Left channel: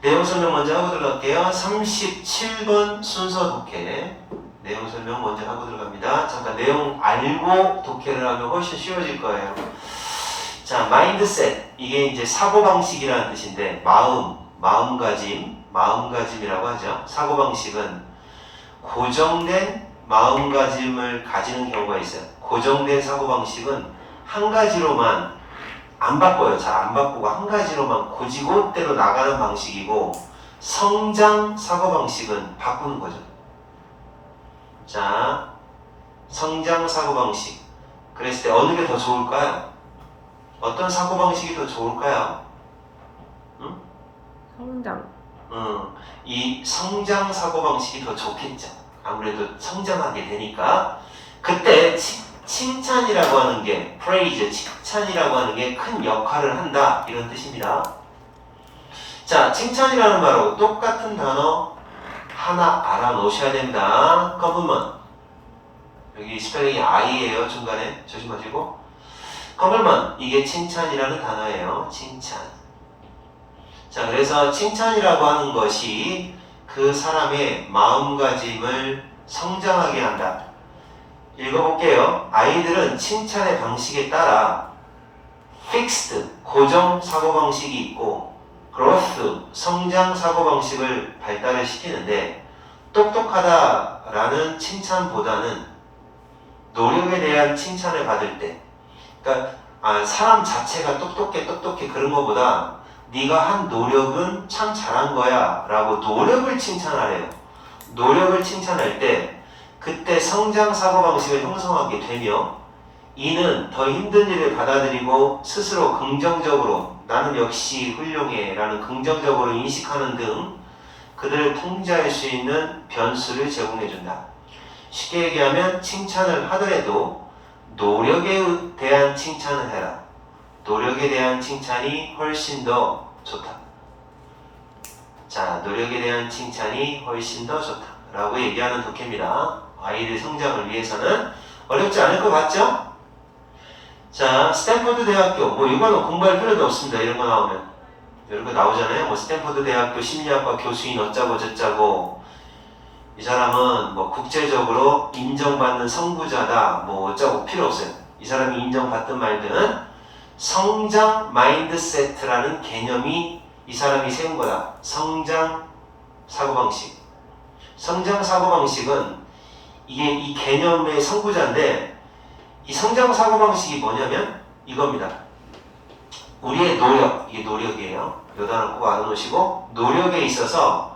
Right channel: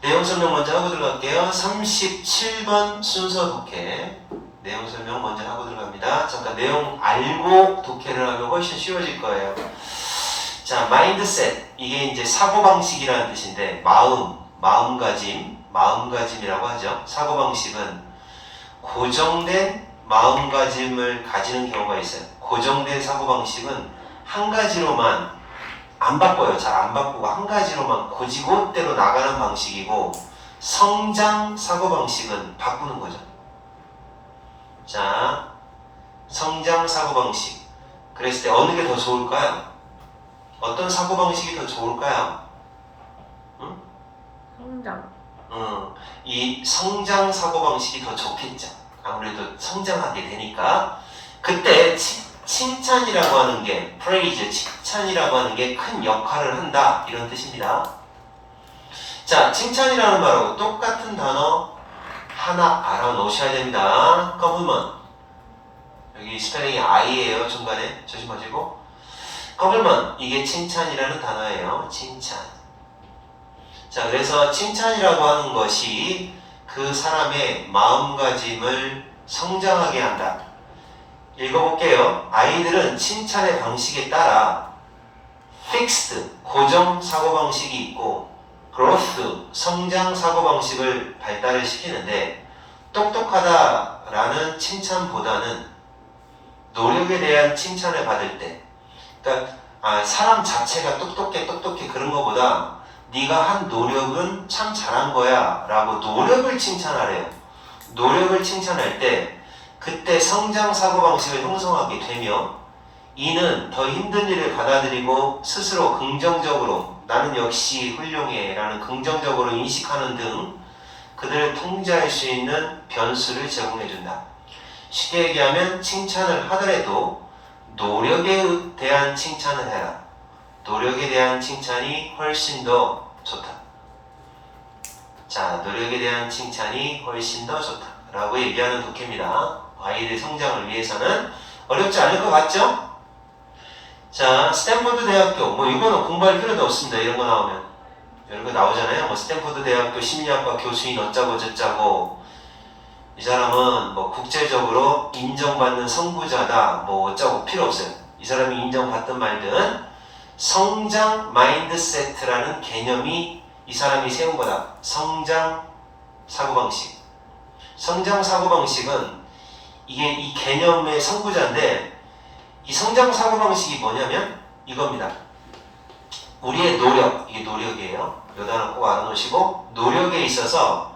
내용 설명 먼저 하고 들어갈게요. 37번 순서 독해. 내용 설명 먼저 하고 들어갑니다. 잠깐 내용 알고 독해를 하면 훨씬 쉬워질 거예요. 자, 마인드셋. 이게 이제 사고방식이라는 뜻인데, 마음가짐이라고 하죠. 사고방식은 고정된 마음가짐을 가지는 경우가 있어요. 고정된 사고방식은 한 가지로만 안 바꿔요. 잘 안 바꾸고 한 가지로만 고지고대로 나가는 방식이고, 성장 사고방식은 바꾸는 거죠. 자, 성장 사고방식. 그랬을 때 어느 게 더 좋을까요? 어떤 사고방식이 더 좋을까요? 응? 성장. 이 성장 사고방식이 더 좋겠죠. 아무래도 성장하게 되니까. 그때 칭찬이라고 하는 게, praise, 칭찬이라고 하는 게 큰 역할을 한다, 이런 뜻입니다. 자, 칭찬이라는 말하고 똑같은 단어 하나 알아놓으셔야 됩니다. compliment. 여기 스펠링이 I예요. 중간에 조심하시고. compliment, 이게 칭찬이라는 단어예요. 칭찬. 자, 그래서 칭찬이라고 하는 것이 그 사람의 마음가짐을 성장하게 한다. 읽어볼게요. 아이들은 칭찬의 방식에 따라 fixed, 고정 사고방식이 있고 growth, 성장 사고방식을 발달을 시키는데, 똑똑하다라는 칭찬보다는 노력에 대한 칭찬을 받을 때, 그러니까 사람 자체가 똑똑해 그런 것보다 네가 한 노력은 참 잘한 거야 라고 노력을 칭찬하래요. 노력을 칭찬할 때 그때 성장 사고방식을 형성하게 되며, 이는 더 힘든 일을 받아들이고 스스로 긍정적으로 나는 역시 훌륭해 라는 긍정적으로 인식하는 등 그들을 통제할 수 있는 변수를 제공해준다. 쉽게 얘기하면 칭찬을 하더라도 노력에 대한 칭찬을 해라. 노력에 대한 칭찬이 훨씬 더 좋다. 자, 노력에 대한 칭찬이 훨씬 더 좋다 라고 얘기하는 독해입니다. 아이들 성장을 위해서는 어렵지 않을 것 같죠? 자, 스탠퍼드 대학교, 뭐 이거는 공부할 필요도 없습니다. 이런 거 나오면 이런 거 나오잖아요. 뭐 스탠퍼드 대학교 심리학과 교수인 어쩌고 저쩌고, 이 사람은 뭐 국제적으로 인정받는 선구자다, 뭐 어쩌고 필요 없어요. 이 사람이 인정받든 말든 성장 마인드세트라는 개념이 이 사람이 세운 거다. 성장 사고방식. 성장 사고방식은 이게 이 개념의 선구자인데, 이 성장 사고방식이 뭐냐면 이겁니다. 우리의 노력, 이게 노력이에요. 요 단어 꼭 알아놓으시고, 노력에 있어서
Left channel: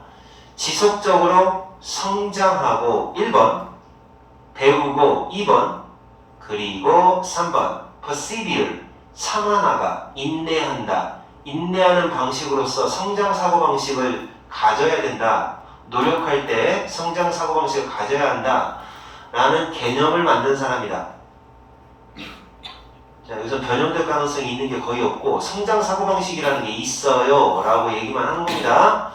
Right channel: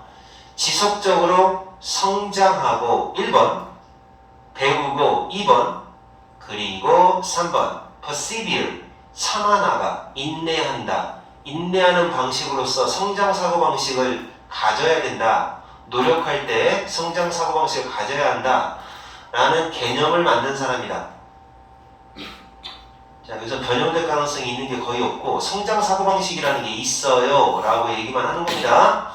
지속적으로 성장하고 1번 배우고 2번 그리고 3번 persevere 참아나가 인내한다. 인내하는 방식으로서 성장 사고방식을 가져야 된다. 노력할 때 성장 사고방식을 가져야 한다 라는 개념을 만든 사람이다. 자, 여기서 변형될 가능성이 있는 게 거의 없고 성장 사고방식이라는 게 있어요 라고 얘기만 하는 겁니다.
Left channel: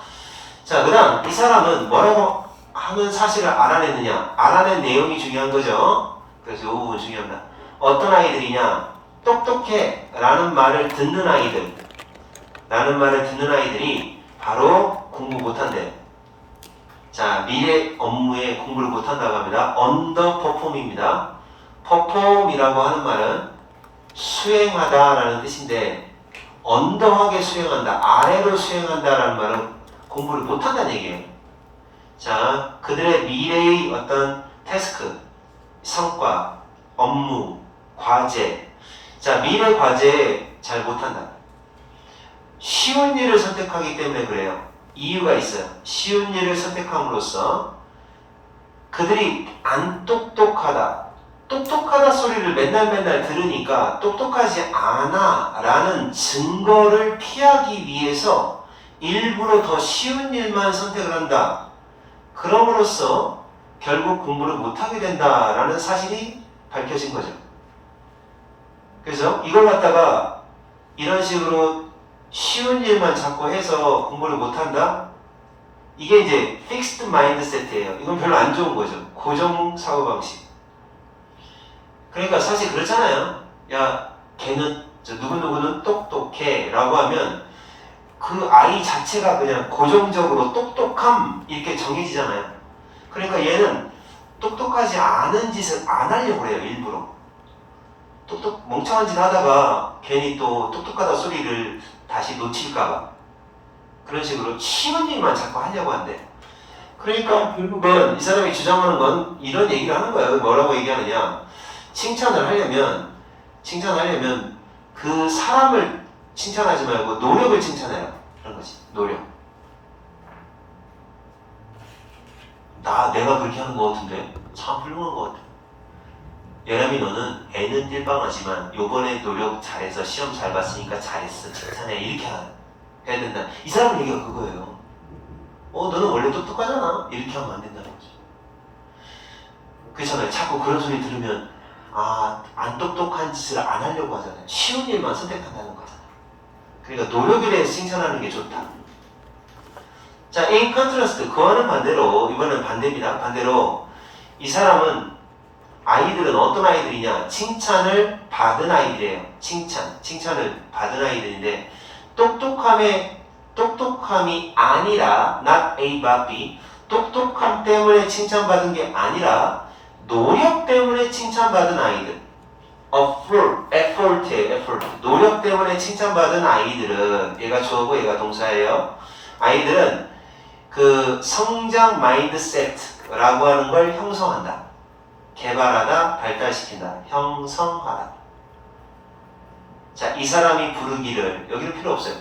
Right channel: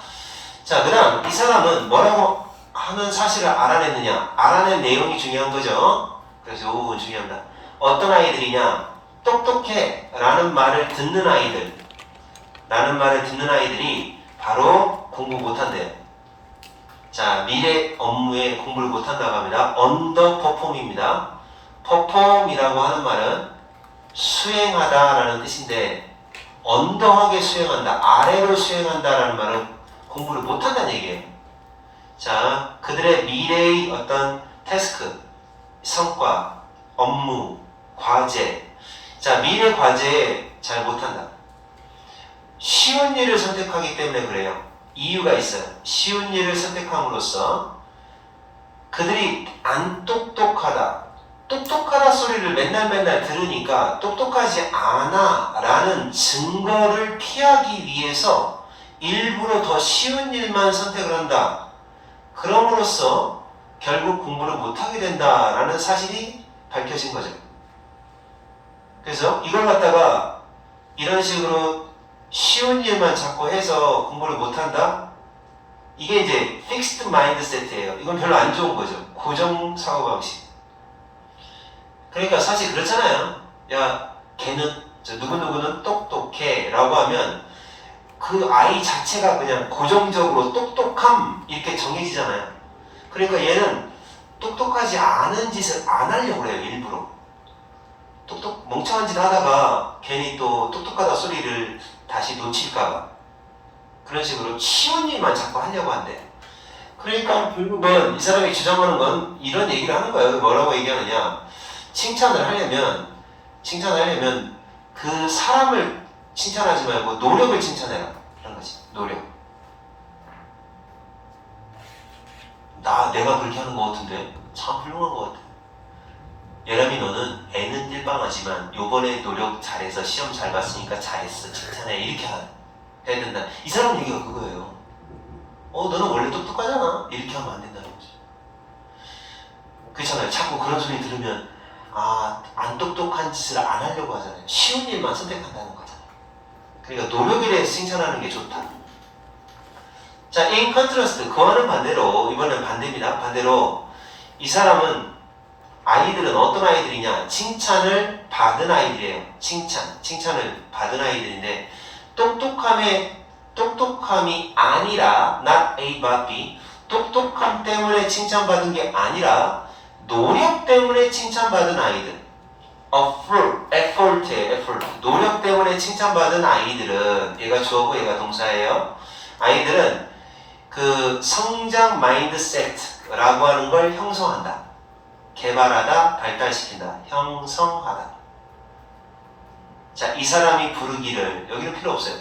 자, 그 다음 이 사람은 뭐라고 하는 사실을 알아냈느냐, 알아낸 내용이 중요한 거죠. 그래서 이 부분 중요합니다. 어떤 아이들이냐, 똑똑해 라는 말을 듣는 아이들이 바로 공부 못한대요. 자, 미래 업무에 공부를 못한다고 합니다. 언더퍼폼입니다. 퍼폼이라고 하는 말은 수행하다라는 뜻인데, 언더하게 수행한다, 아래로 수행한다라는 말은 공부를 못한다는 얘기예요. 자, 그들의 미래의 어떤 태스크, 성과, 업무, 과제. 자, 미래 과제에 잘 못한다. 쉬운 일을 선택하기 때문에 그래요. 이유가 있어요. 쉬운 일을 선택함으로써 그들이 안 똑똑하다, 똑똑하다 소리를 맨날 들으니까 똑똑하지 않아 라는 증거를 피하기 위해서 일부러 더 쉬운 일만 선택을 한다. 그럼으로써 결국 공부를 못하게 된다라는 사실이 밝혀진 거죠. 그래서 이걸 갖다가 이런 식으로 쉬운 일만 자꾸 해서 공부를 못한다? 이게 이제 fixed mindset이에요. 이건 별로 안 좋은 거죠. 고정 사고방식. 그러니까 사실 그렇잖아요. 야, 걔는 누구누구는 똑똑해 라고 하면 그 아이 자체가 그냥 고정적으로 똑똑함 이렇게 정해지잖아요. 그러니까 얘는 똑똑하지 않은 짓을 안 하려고 해요. 일부러. 멍청한 짓 하다가 괜히 또 똑똑하다 소리를 다시 놓칠까봐 그런 식으로 쉬운 일만 자꾸 하려고 한대. 그러니까 결국은 이 사람이 주장하는 건 이런 얘기를 하는 거예요. 뭐라고 얘기하느냐, 칭찬을 하려면 그 사람을 칭찬하지 말고 노력을 칭찬해라 그런 거지. 노력. 내가 그렇게 하는 거 같은데 참 훌륭한 거 같아. 예람이 너는 애는 띨빵하지만 요번에 노력 잘해서 시험 잘 봤으니까 잘했어 칭찬해 이렇게 해야 된다. 이 사람 얘기가 그거예요. 너는 원래 똑똑하잖아 이렇게 하면 안 된다는 거지. 그렇잖아요. 자꾸 그런 소리 들으면 안 똑똑한 짓을 안 하려고 하잖아요. 쉬운 일만 선택한다는 거잖아요. 그러니까 노력에 대해서 칭찬하는 게 좋다. 자, in contrast, 그와는 반대로, 이번엔 반대입니다. 반대로 이 사람은 아이들은 어떤 아이들이냐? 칭찬을 받은 아이들이에요. 칭찬을 받은 아이들인데 똑똑함이 아니라 not A but B, 똑똑함 때문에 칭찬받은 게 아니라 노력 때문에 칭찬받은 아이들. effort. 노력 때문에 칭찬받은 아이들은, 얘가 주어고 얘가 동사예요. 아이들은 그 성장 마인드셋라고 하는 걸 형성한다. 개발하다, 발달시킨다, 형성하다. 자, 이 사람이 부르기를, 여기는 필요 없어요.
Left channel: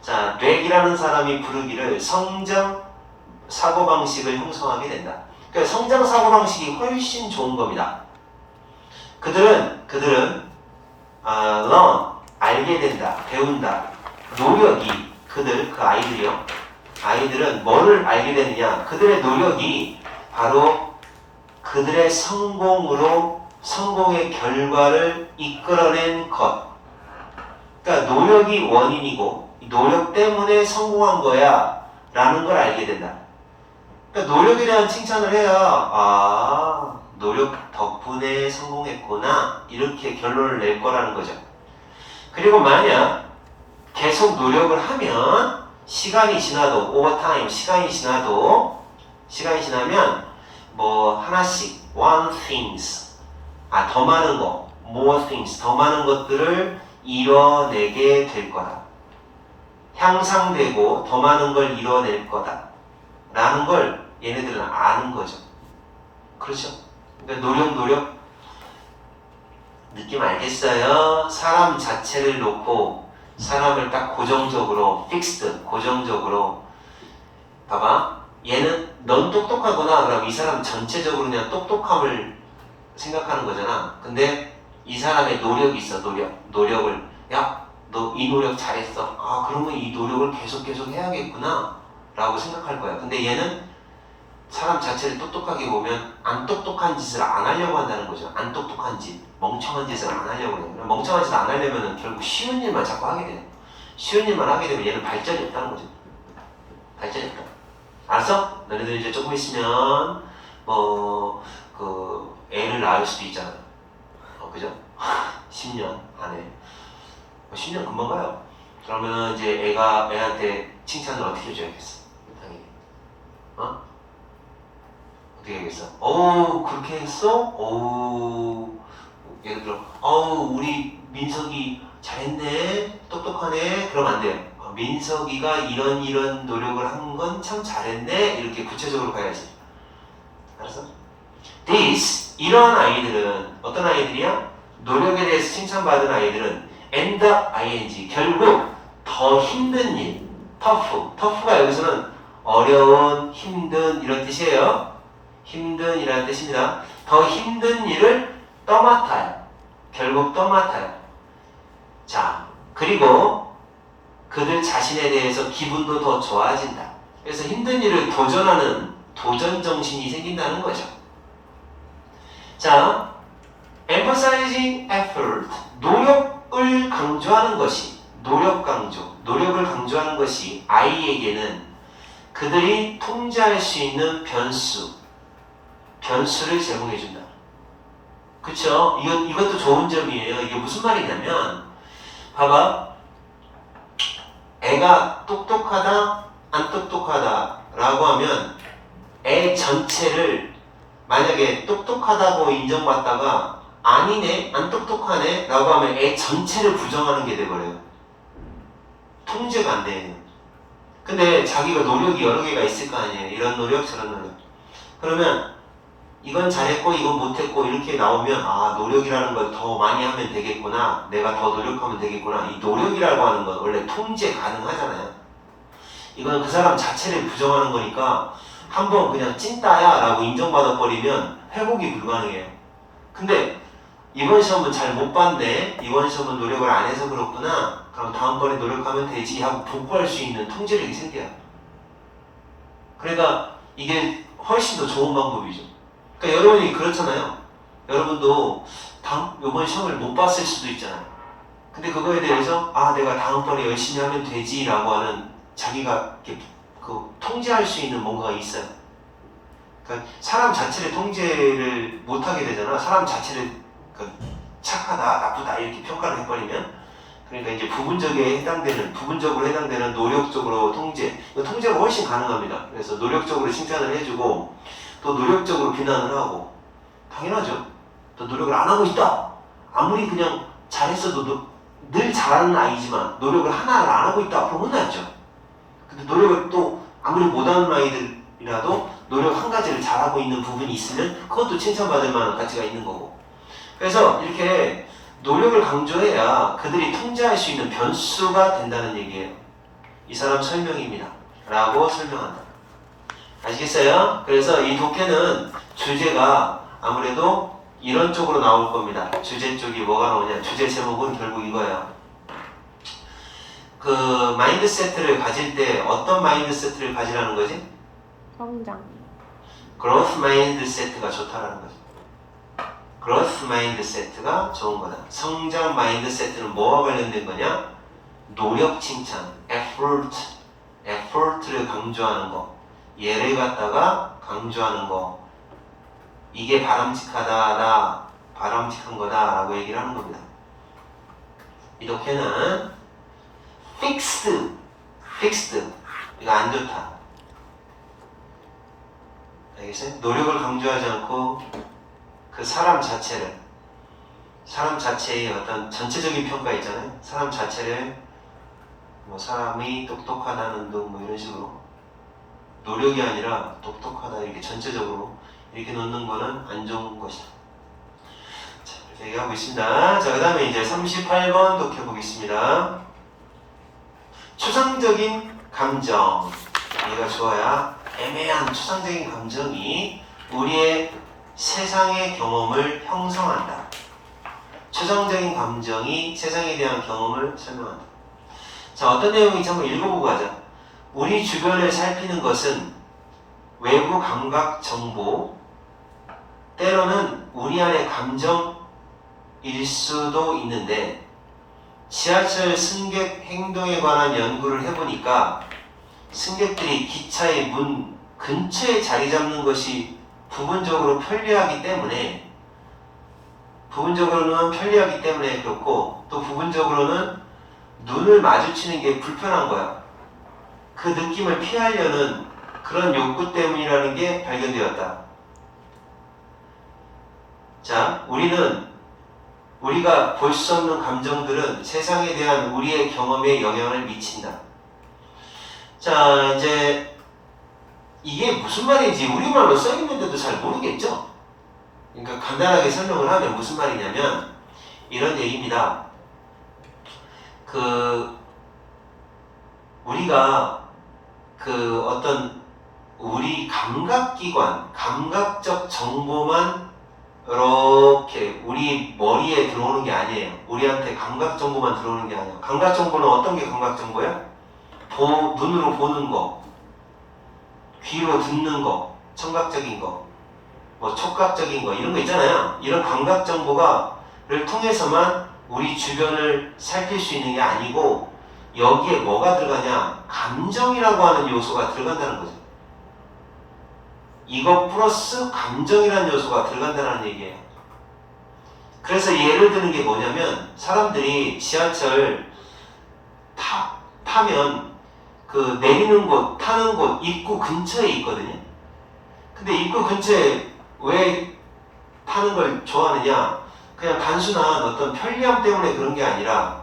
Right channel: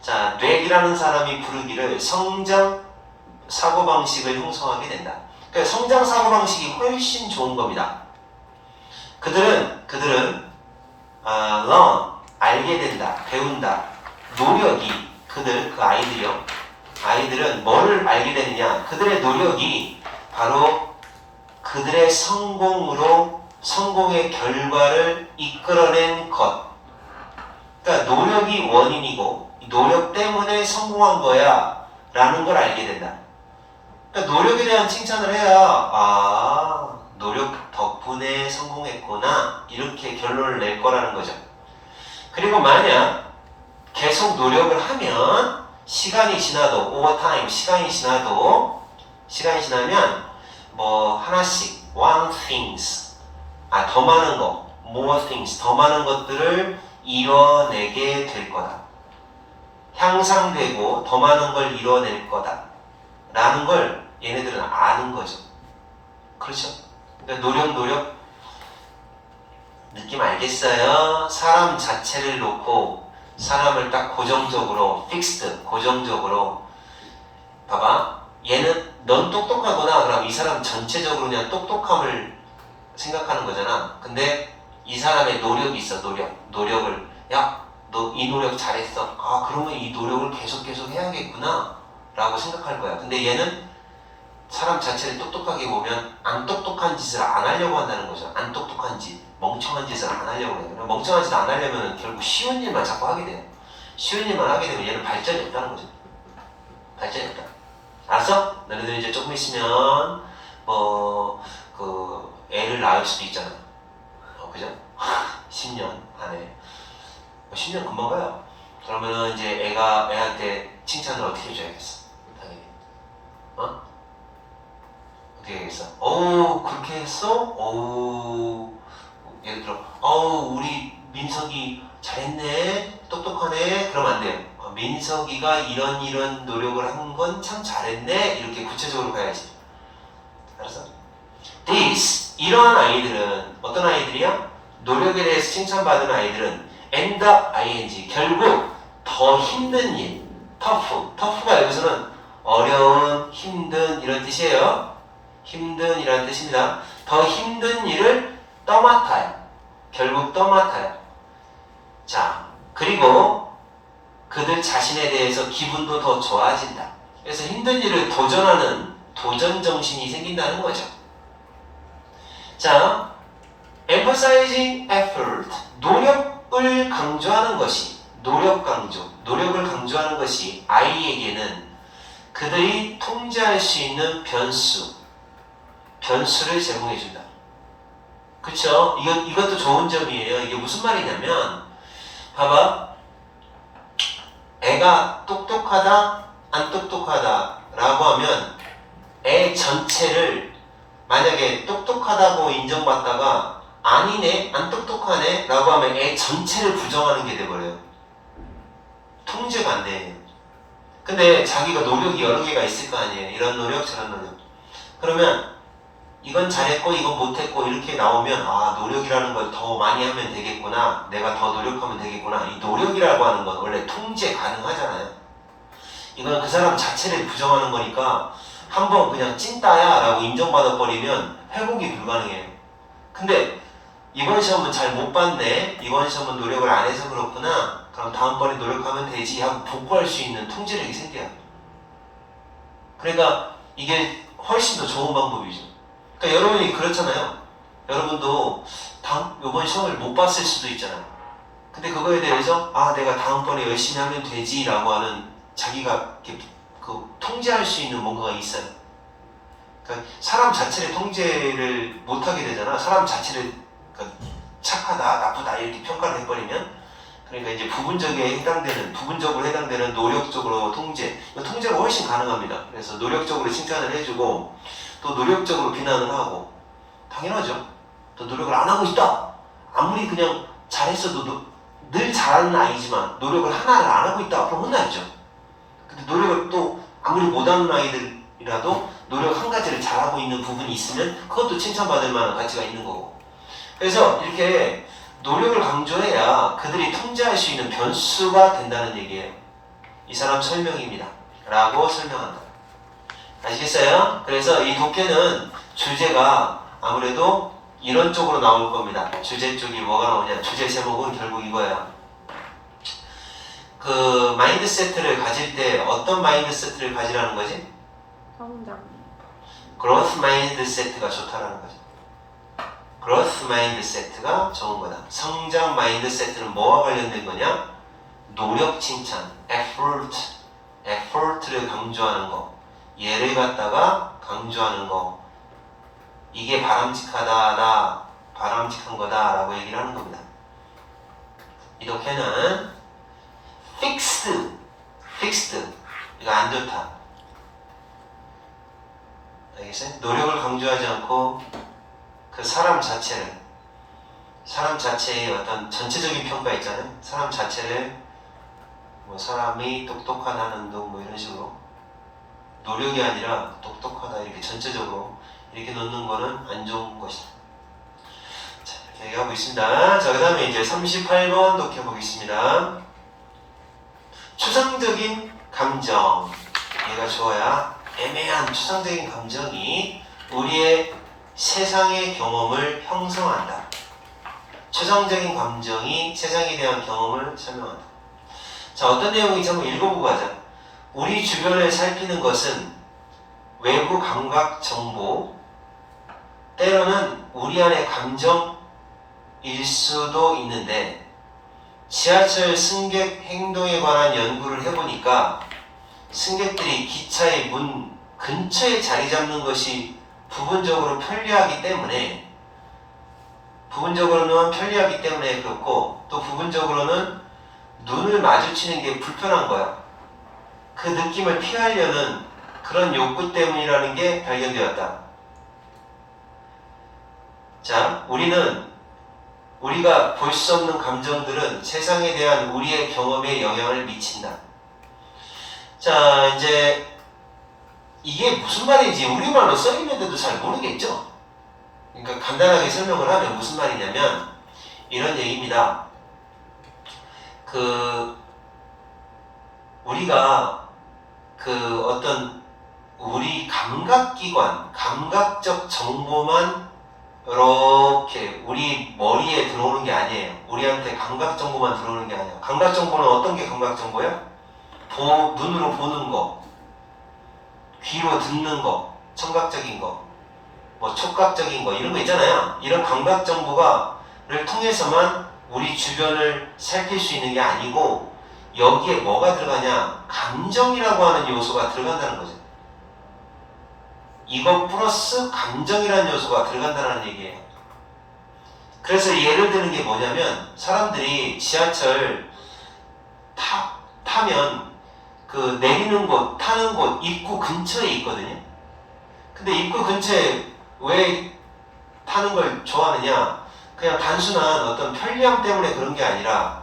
자, 뇌이라는 사람이 부르기를 성장 사고방식을 형성하게 된다. 그러니까 성장 사고방식이 훨씬 좋은 겁니다. 그들은 learn, 알게 된다, 배운다. 노력이, 그 아이들이요. 아이들은 뭐를 알게 되느냐? 그들의 노력이 바로 그들의 성공의 결과를 이끌어낸 것. 그러니까 노력이 원인이고 노력 때문에 성공한 거야 라는 걸 알게 된다. 그러니까 노력에 대한 칭찬을 해야 노력 덕분에 성공했구나 이렇게 결론을 낼 거라는 거죠. 그리고 만약 계속 노력을 하면 시간이 지나도 오버타임 시간이 지나면 뭐 하나씩 one things 더 많은 거 more things 더 많은 것들을 이뤄내게 될 거다. 향상되고 더 많은 걸 이뤄낼 거다 라는 걸 얘네들은 아는 거죠. 그렇죠? 그러니까 노력 느낌 알겠어요? 사람 자체를 놓고 사람을 딱 고정적으로 고정적으로 봐봐. 얘는 넌 똑똑하구나. 그럼 이 사람 전체적으로 그냥 똑똑함을 생각하는 거잖아. 근데 이 사람의 노력이 있어. 노력을 너 이 노력 잘했어. 그러면 이 노력을 계속 해야겠구나 라고 생각할 거야. 근데 얘는 사람 자체를 똑똑하게 보면 안 똑똑한 짓을 안 하려고 한다는 거죠. 안 똑똑한 짓, 멍청한 짓을 안 하려고 해요. 멍청한 짓을 안 하려면 결국 쉬운 일만 자꾸 하게 돼요. 쉬운 일만 하게 되면 얘는 발전이 없다는 거죠. 발전이 없다. 알았어? 너네들 이제 조금 있으면 애를 낳을 수도 있잖아요. 그죠? 10년 안에 10년 금방 가요. 그러면은 이제 애한테 칭찬을 어떻게 해줘야겠어? 당연히 어떻게 해야겠어? 그렇게 했어? 예를 들어 우리 민석이 잘했네, 똑똑하네. 그러면 안 돼요. 민석이가 이런 노력을 한 건 참 잘했네. 이렇게 구체적으로 가야지. 알았어? 이런 아이들은 어떤 아이들이야? 노력에 대해서 칭찬받은 아이들은 end up ing, 결국 더 힘든 일, tough가 여기서는 어려운, 힘든 이런 뜻이에요. 힘든 이라는 뜻입니다. 더 힘든 일을 결국 떠맡아요. 자, 그리고 그들 자신에 대해서 기분도 더 좋아진다. 그래서 힘든 일을 도전하는 도전 정신이 생긴다는 거죠. 자, emphasizing effort, 노력을 강조하는 것이, 노력을 강조하는 것이 아이에게는 그들이 통제할 수 있는 변수를 제공해준다. 그쵸? 이것도 좋은 점이에요. 이게 무슨 말이냐면, 봐봐. 애가 똑똑하다, 안 똑똑하다 라고 하면 애 전체를 만약에 똑똑하다고 인정받다가 아니네, 안 똑똑하네 라고 하면 애 전체를 부정하는 게 돼버려요. 통제가 안 돼요. 근데 자기가 노력이 여러 개가 있을 거 아니에요. 이런 노력, 저런 노력. 그러면 이건 잘했고 이건 못했고 이렇게 나오면 아, 노력이라는 걸 더 많이 하면 되겠구나. 내가 더 노력하면 되겠구나. 이 노력이라고 하는 건 원래 통제 가능하잖아요. 이건 그 사람 자체를 부정하는 거니까 한번 그냥 찐따야 라고 인정받아 버리면 회복이 불가능해요. 근데 이번 시험은 잘 못 봤네, 이번 시험은 노력을 안 해서 그렇구나, 그럼 다음번에 노력하면 되지 하고 복구할 수 있는 통제력이 생겨요. 그러니까 이게 훨씬 더 좋은 방법이죠. 그러니까 여러분이 그렇잖아요. 여러분도 이번 시험을 못 봤을 수도 있잖아요. 근데 그거에 대해서 아, 내가 다음번에 열심히 하면 되지 라고 하는 자기가 이렇게 통제할 수 있는 뭔가가 있어요. 그러니까 사람 자체를 통제를 못하게 되잖아. 사람 자체를 착하다, 나쁘다 이렇게 평가를 해버리면, 그러니까 이제 부분적으로 해당되는 노력적으로 통제, 통제가 훨씬 가능합니다. 그래서 노력적으로 칭찬을 해주고 또 노력적으로 비난을 하고, 당연하죠. 또 노력을 안 하고 있다, 아무리 그냥 잘했어도 늘 잘하는 아이지만 노력을 하나를 안 하고 있다 그럼 혼나죠. 근데 노력을 또 아무리 못하는 아이들이라도 노력 한 가지를 잘하고 있는 부분이 있으면 그것도 칭찬받을 만한 가치가 있는 거고. 그래서 이렇게 노력을 강조해야 그들이 통제할 수 있는 변수가 된다는 얘기예요. 이 사람 설명입니다 라고 설명한다. 아시겠어요? 그래서 이 독해는 주제가 아무래도 이런 쪽으로 나올 겁니다. 주제 쪽이 뭐가 나오냐, 주제 제목은 결국 이거예요. 그 마인드세트를 가질 때 어떤 마인드세트를 가지라는 거지? 성장. 그로스 마인드세트가 좋다라는 거지. 그로스 마인드세트가 좋은 거다. 성장 마인드세트는 뭐와 관련된 거냐? 노력 칭찬, effort를 강조하는 거, 얘를 갖다가 강조하는 거, 이게 바람직하다, 바람직한 거다 라고 얘기를 하는 겁니다. 이 독해는 fixed, 이거 안 좋다. 알겠어요? 노력을 강조하지 않고 그 사람 자체의 어떤 전체적인 평가 있잖아요. 사람 자체를 뭐 사람이 똑똑하다는 등 뭐 이런 식으로, 노력이 아니라 똑똑하다 이렇게 전체적으로 이렇게 놓는 거는 안 좋은 것이다. 자, 이렇게 얘기하고 있습니다. 자, 그 다음에 이제 38번 독해 보겠습니다. 추상적인 감정, 얘가 좋아야 애매한 추상적인 감정이 우리의 세상의 경험을 형성한다. 추상적인 감정이 세상에 대한 경험을 설명한다. 자, 어떤 내용인지 한번 읽어보고 가자. 우리 주변을 살피는 것은 외부 감각 정보, 때로는 우리 안의 감정일 수도 있는데, 지하철 승객 행동에 관한 연구를 해보니까 승객들이 기차의 문 근처에 자리 잡는 것이 부분적으로는 편리하기 때문에 그렇고, 또 부분적으로는 눈을 마주치는 게 불편한 거야. 그 느낌을 피하려는 그런 욕구 때문이라는 게 발견되었다. 자, 우리가 볼 수 없는 감정들은 세상에 대한 우리의 경험에 영향을 미친다. 자, 이제 이게 무슨 말인지 우리말로 써있는데도 잘 모르겠죠? 그러니까 간단하게 설명을 하면 무슨 말이냐면 이런 얘기입니다. 우리가 어떤 우리 감각기관, 감각적 정보만 이렇게 우리 머리에 들어오는 게 아니에요. 우리한테 감각 정보만 들어오는 게 아니에요. 감각 정보는 어떤 게 감각 정보야? 눈으로 보는 거, 귀로 듣는 거, 청각적인 거, 뭐 촉각적인 거, 이런 거 있잖아요. 이런 감각 정보를 통해서만 우리 주변을 살필 수 있는 게 아니고, 여기에 뭐가 들어가냐? 감정이라고 하는 요소가 들어간다는 거죠. 이것 플러스 감정이라는 요소가 들어간다는 얘기예요. 그래서 예를 드는 게 뭐냐면, 사람들이 지하철 타면 그 내리는 곳, 타는 곳 입구 근처에 있거든요. 근데 입구 근처에 왜 타는 걸 좋아하느냐? 그냥 단순한 어떤 편리함 때문에 그런 게 아니라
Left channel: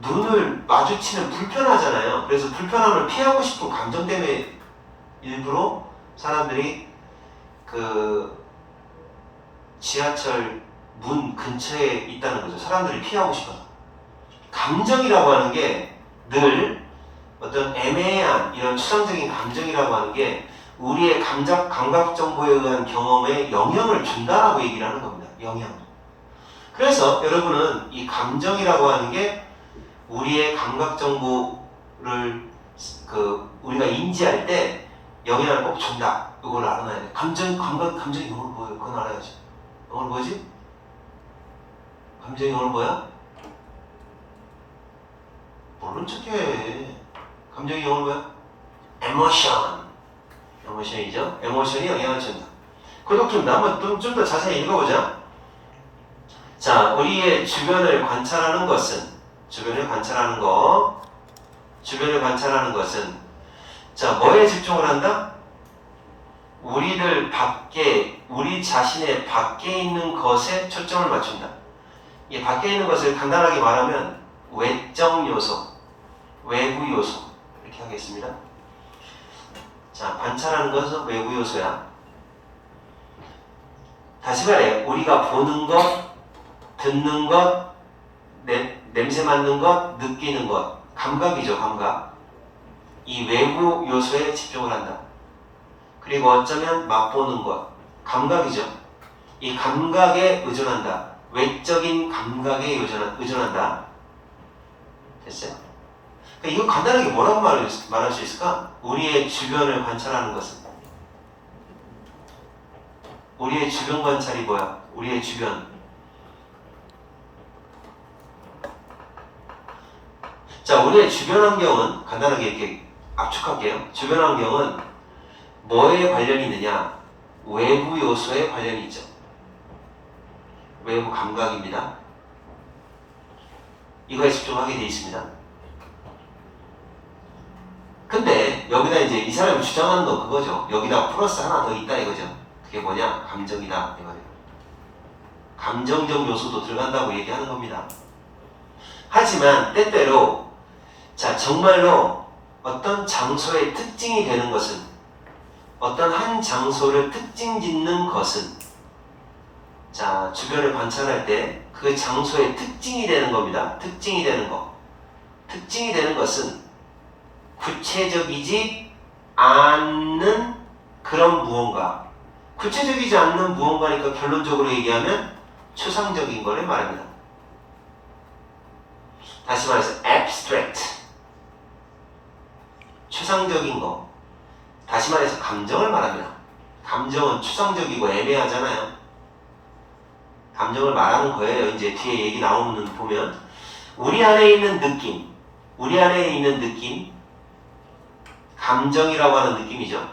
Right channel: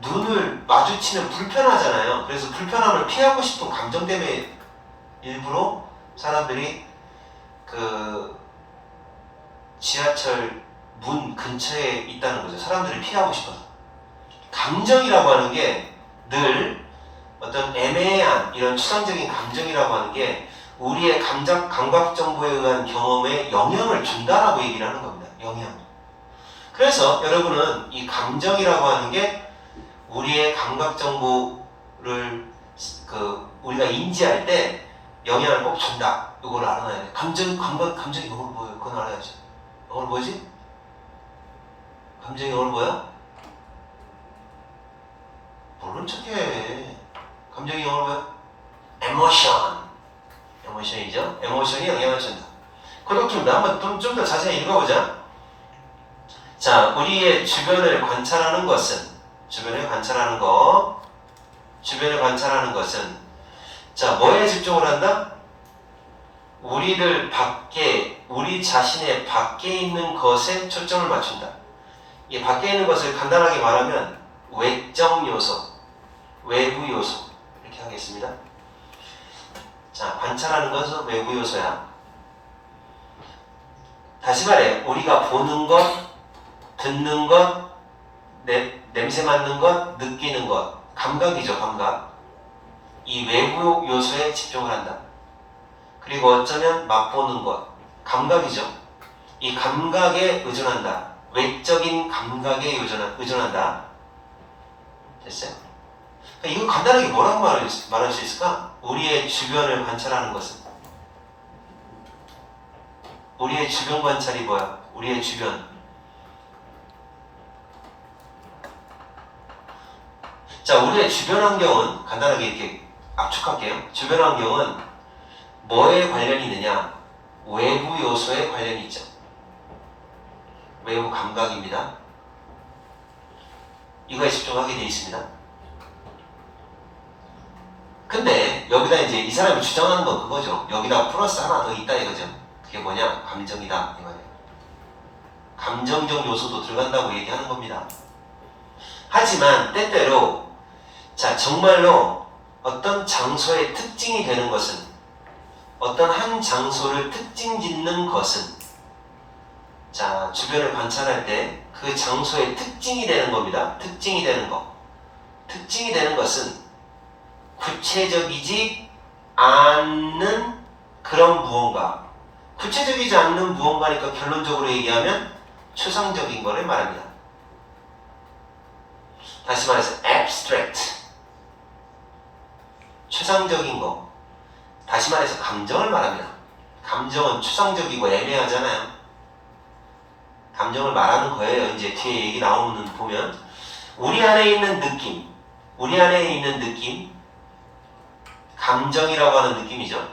눈을 마주치면 불편하잖아요. 그래서 불편함을 피하고 싶은 감정 때문에 일부러 사람들이 그 지하철 문 근처에 있다는 거죠. 사람들이 피하고 싶어서. 감정이라고 하는 게 늘 어떤 애매한 이런 추상적인 감정이라고 하는 게 우리의 감각 정보에 의한 경험에 영향을 준다라고 얘기를 하는 겁니다. 영향. 그래서 여러분은 이 감정이라고 하는 게 우리의 감각 정보를 우리가 인지할 때 영향을 꼭 준다. 이걸 알아놔야 돼. 감정이 영어로 뭐예요? 그건 알아야지. 영어로 뭐지? 감정이 영어로 뭐야? 모르는 척해. 감정이 영어로 뭐야? 에모션이죠. 에모션이 영향을 준다. 그렇습니다. 한번 좀 더 자세히 읽어보자. 자, 우리의 주변을 관찰하는 것은 자, 뭐에 집중을 한다? 우리 자신의 밖에 있는 것에 초점을 맞춘다. 이 밖에 있는 것을 간단하게 말하면 외적 요소, 외부 요소 이렇게 하겠습니다. 자, 관찰하는 것은 외부 요소야. 다시 말해, 우리가 보는 것, 듣는 것, 냄새 맡는 것, 느끼는 것, 감각이죠, 감각. 이 외부 요소에 집중을 한다. 그리고 어쩌면 맛보는 것, 감각이죠. 이 감각에 의존한다. 외적인 감각에 의존한다. 됐어요? 그러니까 이거 간단하게 뭐라고 말할 수 있을까? 우리의 주변을 관찰하는 것은. 우리의 주변 관찰이 뭐야? 우리의 주변. 자, 우리의 주변 환경은 간단하게 이렇게 압축할게요. 주변 환경은 뭐에 관련이 있느냐? 외부 요소에 관련이 있죠. 외부 감각입니다. 이거에 집중하게 되어 있습니다. 근데 여기다 이제 이 사람이 주장하는 건 그거죠. 여기다 플러스 하나 더 있다 이거죠. 그게 뭐냐? 감정이다 이거예요. 감정적 요소도 들어간다고 얘기하는 겁니다. 하지만 때때로 자, 정말로 어떤 장소의 특징이 되는 것은, 어떤 한 장소를 특징 짓는 것은, 자, 주변을 관찰할 때 그 장소의 특징이 되는 겁니다. 특징이 되는 것. 특징이 되는 것은 구체적이지 않는 그런 무언가. 구체적이지 않는 무언가니까 결론적으로 얘기하면 추상적인 거를 말합니다. 다시 말해서 abstract. 추상적인 거. 다시 말해서 감정을 말합니다. 감정은 추상적이고 애매하잖아요. 감정을 말하는 거예요. 이제 뒤에 얘기 나오는 보면 우리 안에 있는 느낌, 감정이라고 하는 느낌이죠.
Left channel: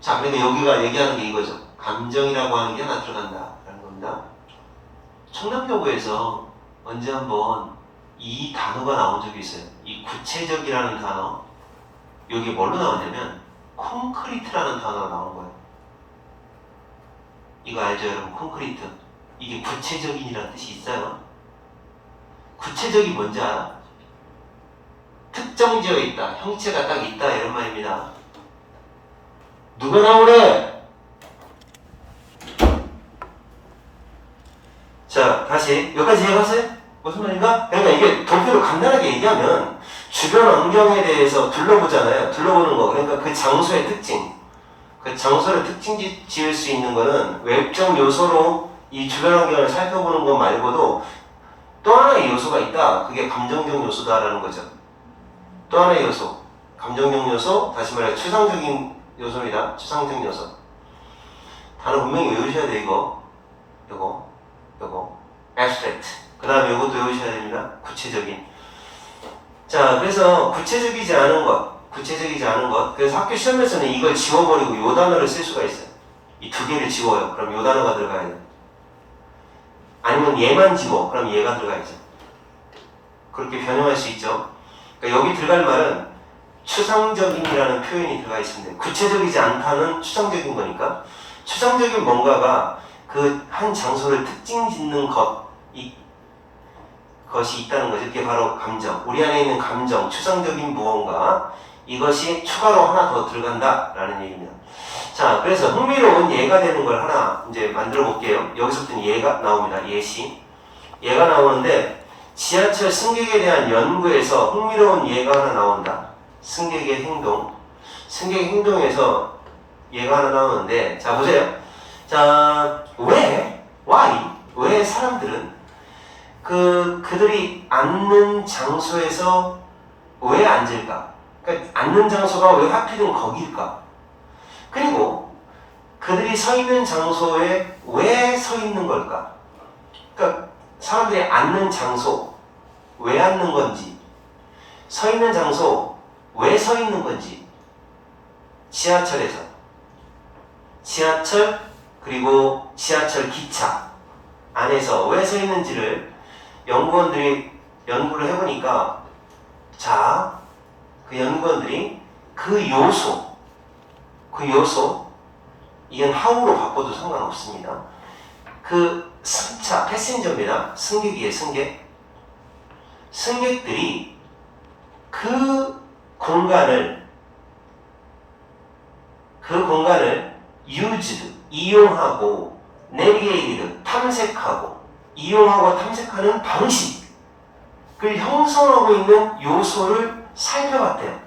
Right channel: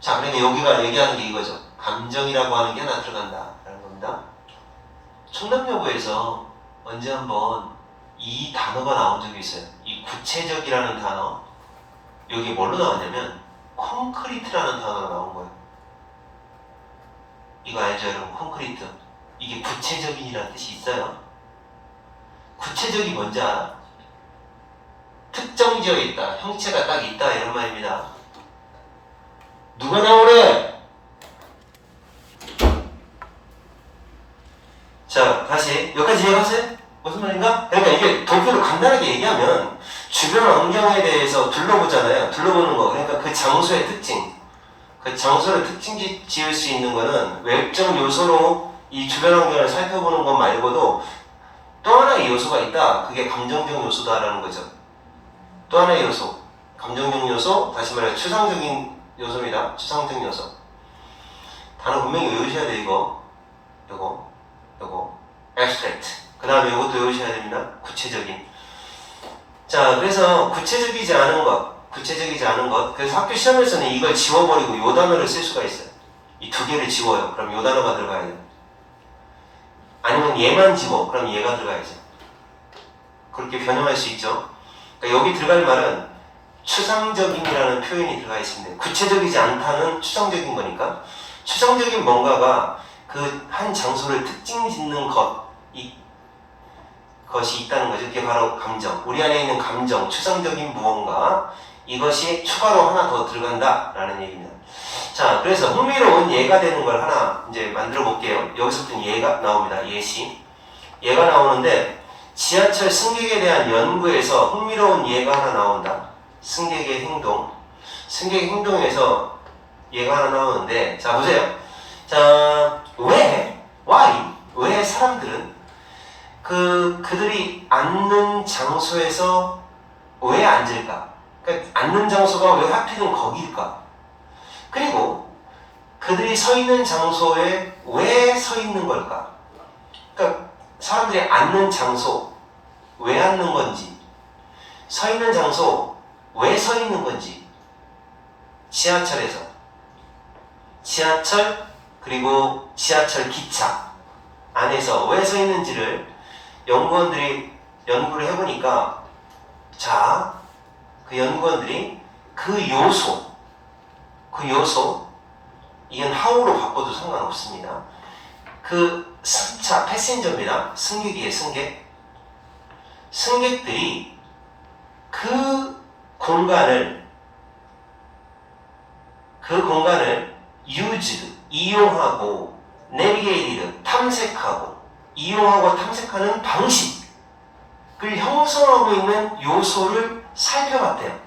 자, 그러니까 여기가 얘기하는 게 이거죠. 감정이라고 하는 게 하나 들어간다라는 겁니다. 청담여고에서 언제 한번 이 단어가 나온 적이 있어요. 이 구체적이라는 단어. 여기 뭘로 나왔냐면 콘크리트라는 단어가 나온 거예요. 이거 알죠, 여러분? 콘크리트. 이게 구체적인이라는 뜻이 있어요. 구체적이 뭔지 알아? 특정지어 있다. 형체가 딱 있다. 이런 말입니다. 누가 나오래? 자, 다시. 여기까지 이해갔어요? 무슨 말인가? 그러니까 이게 도표를 간단하게 얘기하면 주변 환경에 대해서 둘러보잖아요. 둘러보는 거. 그러니까 그 장소의 특징. 그 장소를 특징 지을 수 있는 거는 외적 요소로 이 주변 환경을 살펴보는 것 말고도 또 하나의 요소가 있다. 그게 감정적 요소다라는 거죠. 또 하나의 요소. 감정적 요소, 다시 말해 추상적인 요소입니다. 추상적 요소. 단어 분명히 외우셔야 돼, 이거. 요거. abstract. 그 다음에 요것도 외우셔야 됩니다. 구체적인. 자, 그래서 구체적이지 않은 것. 그래서 학교 시험에서는 이걸 지워버리고 요 단어를 쓸 수가 있어요. 이 두 개를 지워요. 그럼 요 단어가 들어가야 돼요. 아니면 얘만 지워. 그럼 얘가 들어가야죠. 그렇게 변형할 수 있죠. 그러니까 여기 들어갈 말은 추상적인이라는 표현이 들어가 있습니다. 구체적이지 않다는 추상적인 거니까 추상적인 뭔가가 그 한 장소를 특징 짓는 것이 있다는 거죠. 그게 바로 감정. 우리 안에 있는 감정, 추상적인 무언가 이것이 추가로 하나 더 들어간다라는 얘기입니다. 자, 그래서 흥미로운 예가 되는 걸 하나 이제 만들어 볼게요. 여기서부터 예가 나옵니다. 예시. 예가 나오는데 지하철 승객에 대한 연구에서 흥미로운 예가 하나 나온다. 승객의 행동. 승객의 행동에서 예가 하나 나오는데 자, 보세요. 자, 왜 사람들은 그들이 앉는 장소에서 왜 앉을까? 그러니까 앉는 장소가 왜 하필은 거기일까? 그리고 그들이 서 있는 장소에 왜 서 있는 걸까? 그러니까 사람들이 앉는 장소 왜 앉는 건지, 서 있는 장소 왜 서 있는 건지, 지하철에서 지하철 그리고 지하철 기차 안에서 왜 서 있는지를 연구원들이 연구를 해보니까 자, 그 연구원들이 그 요소 이건 how로 바꿔도 상관없습니다. 그 승차, 패신저입니다. 승객이에요, 승객들이 그 공간을 used, 이용하고 navigated, 이용하고 탐색하는 방식을 형성하고 있는 요소를 살펴봤대요.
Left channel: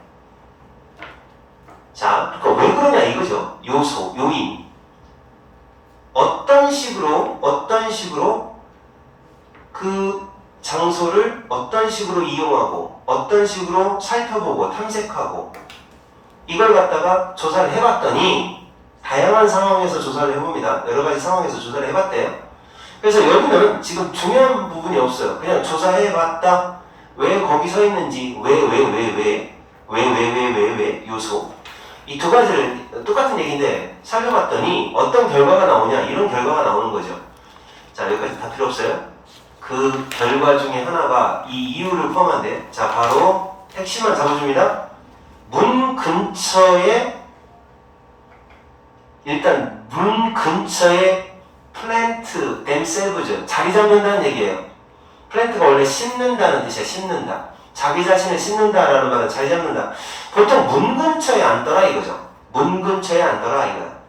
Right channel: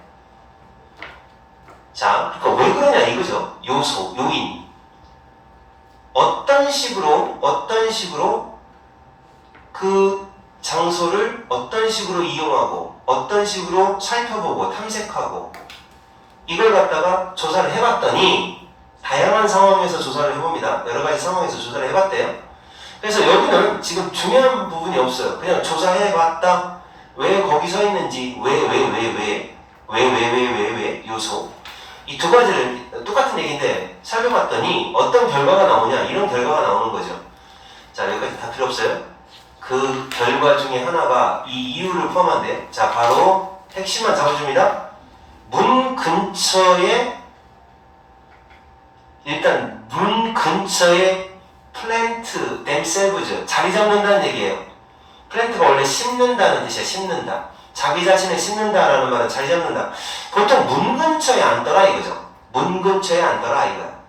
자, 그러니까 왜 그러냐 이거죠. 요소, 요인. 어떤 식으로 그 장소를 어떤 식으로 이용하고 어떤 식으로 살펴보고 탐색하고 이걸 갖다가 조사를 해봤더니 다양한 상황에서 조사를 해봅니다. 여러 가지 상황에서 조사를 해봤대요. 그래서 여기는 지금 중요한 부분이 없어요. 그냥 조사해봤다. 왜 거기 서 있는지, 왜 요소. 이 두 가지를 똑같은 얘기인데 살펴봤더니 어떤 결과가 나오냐, 이런 결과가 나오는 거죠. 자, 여기까지 다 필요 없어요. 그 결과 중에 하나가 이 이유를 포함한데, 자, 바로 핵심만 잡아줍니다. 문 근처에 플랜트 themselves 자리 잡는다는 얘기예요. 플랜트가 원래 심는다는 뜻이야. 심는다. 자기 자신을 심는다라는 말은 자리 잡는다. 보통 문 근처에 앉더라 이거죠. 문 근처에 앉더라 이거야.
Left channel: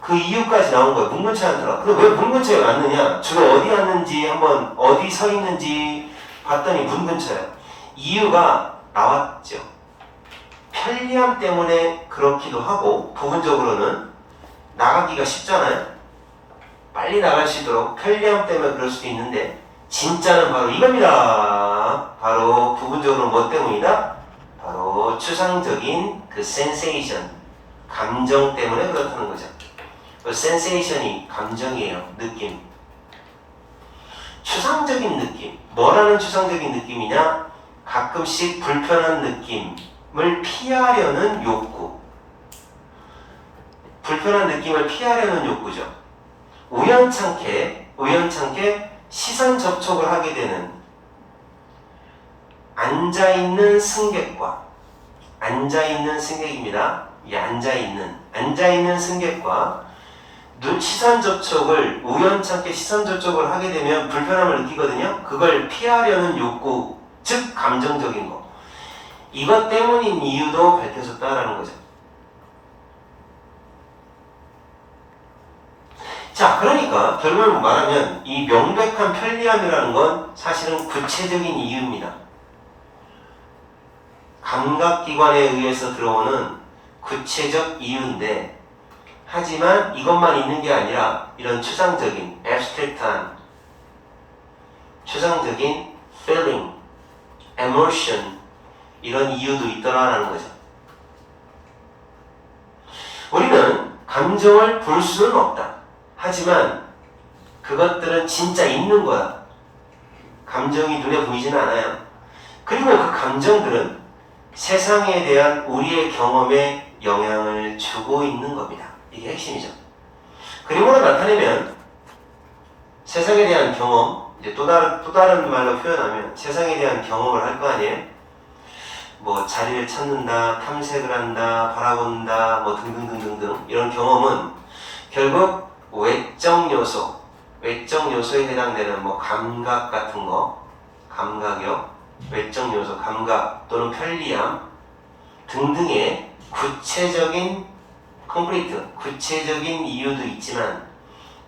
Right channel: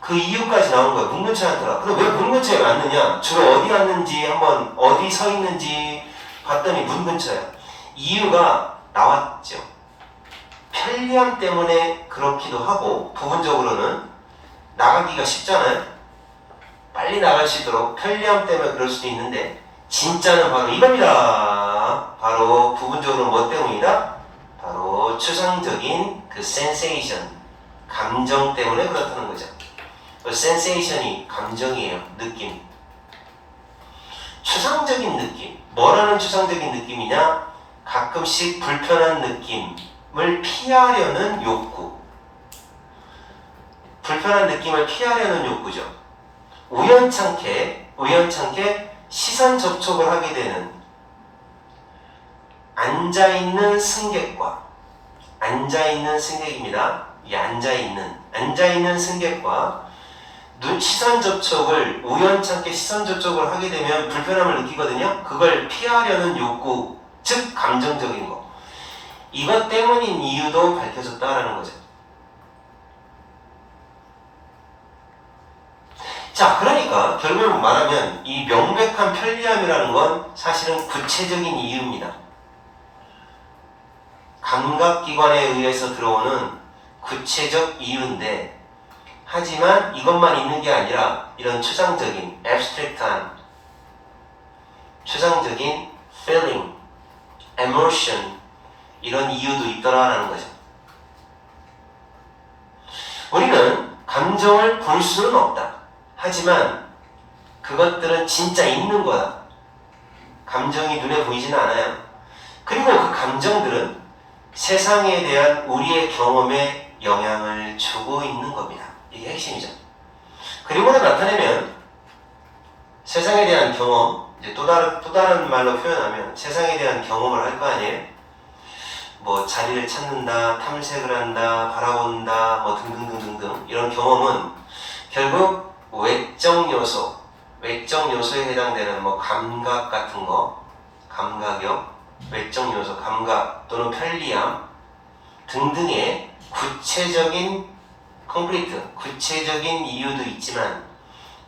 그 이유까지 나온 거야. 문 근처에 앉더라. 근데 왜 문 근처에 앉느냐? 주로 어디 앉는지 한번 어디 서 있는지 봤더니 문 근처야. 이유가 나왔죠. 편리함 때문에 그렇기도 하고 부분적으로는 나가기가 쉽잖아요. 빨리 나갈 수 있도록 편리함 때문에 그럴 수도 있는데 진짜는 바로 이겁니다. 바로 부분적으로 뭐 때문이다? 바로 추상적인 그 sensation, 감정 때문에 그렇다는 거죠. 그 sensation이 감정이에요. 느낌. 추상적인 느낌. 뭐라는 추상적인 느낌이냐? 가끔씩 불편한 느낌을 피하려는 욕구. 불편한 느낌을 피하려는 욕구죠. 우연찮게 시선 접촉을 하게 되는 앉아있는 승객입니다. 이 앉아있는 승객과 우연찮게 시선 접촉을 하게 되면 불편함을 느끼거든요. 그걸 피하려는 욕구, 즉 감정적인 거. 이것 때문인 이유도 밝혀졌다라는 거죠. 자, 그러니까 결국은 말하면 이 명백한 편리함이라는 건 사실은 구체적인 이유입니다. 감각기관에 의해서 들어오는 구체적 이유인데, 하지만 이것만 있는 게 아니라 이런 추상적인, abstract한 추상적인 feeling, emotion 이런 이유도 있더라라는 거죠. 우리는 감정을 볼 수는 없다. 하지만 그것들은 진짜 있는 거야. 감정이 눈에 보이지는 않아요. 그리고 그 감정들은 세상에 대한 우리의 경험에 영향을 주고 있는 겁니다. 이게 핵심이죠. 그림으로 나타내면 세상에 대한 경험, 이제 또 다른 말로 표현하면 세상에 대한 경험을 할 거 아니에요? 뭐 자리를 찾는다, 탐색을 한다, 바라본다, 뭐 등등등등등 이런 경험은 결국 외적 요소에 해당되는 뭐 감각 같은 거, 감각력, 외적 요소, 감각 또는 편리함 등등의 구체적인 이유도 있지만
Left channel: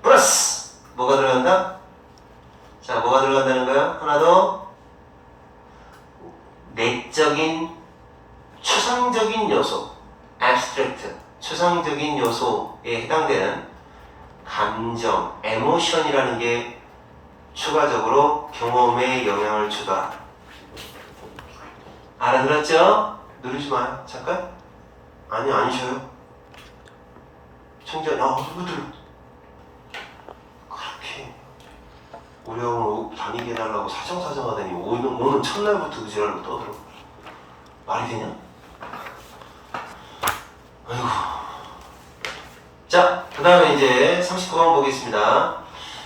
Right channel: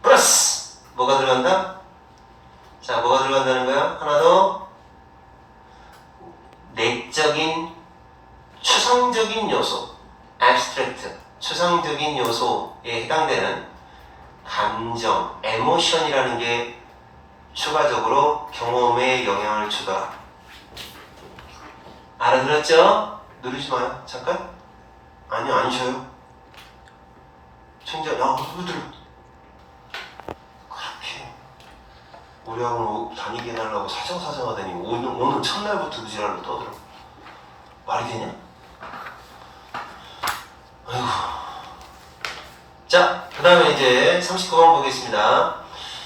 플러스 뭐가 들어간다? 자, 뭐가 들어간다는 거야? 하나 더 내적인 추상적인 요소, abstract, 추상적인 요소에 해당되는 감정, 에모션이라는 게 추가적으로 경험에 영향을 주더라. 알아들었죠? 누르지 마요. 잠깐. 아니요, 안 쉬어요. 청자, 누구들 그렇게 우리 학원 다니게 해달라고 사정사정하더니 오는 첫날부터 그 지랄로 떠들어. 말이 되냐? 아이고. 자, 그 다음에 이제 39번 보겠습니다.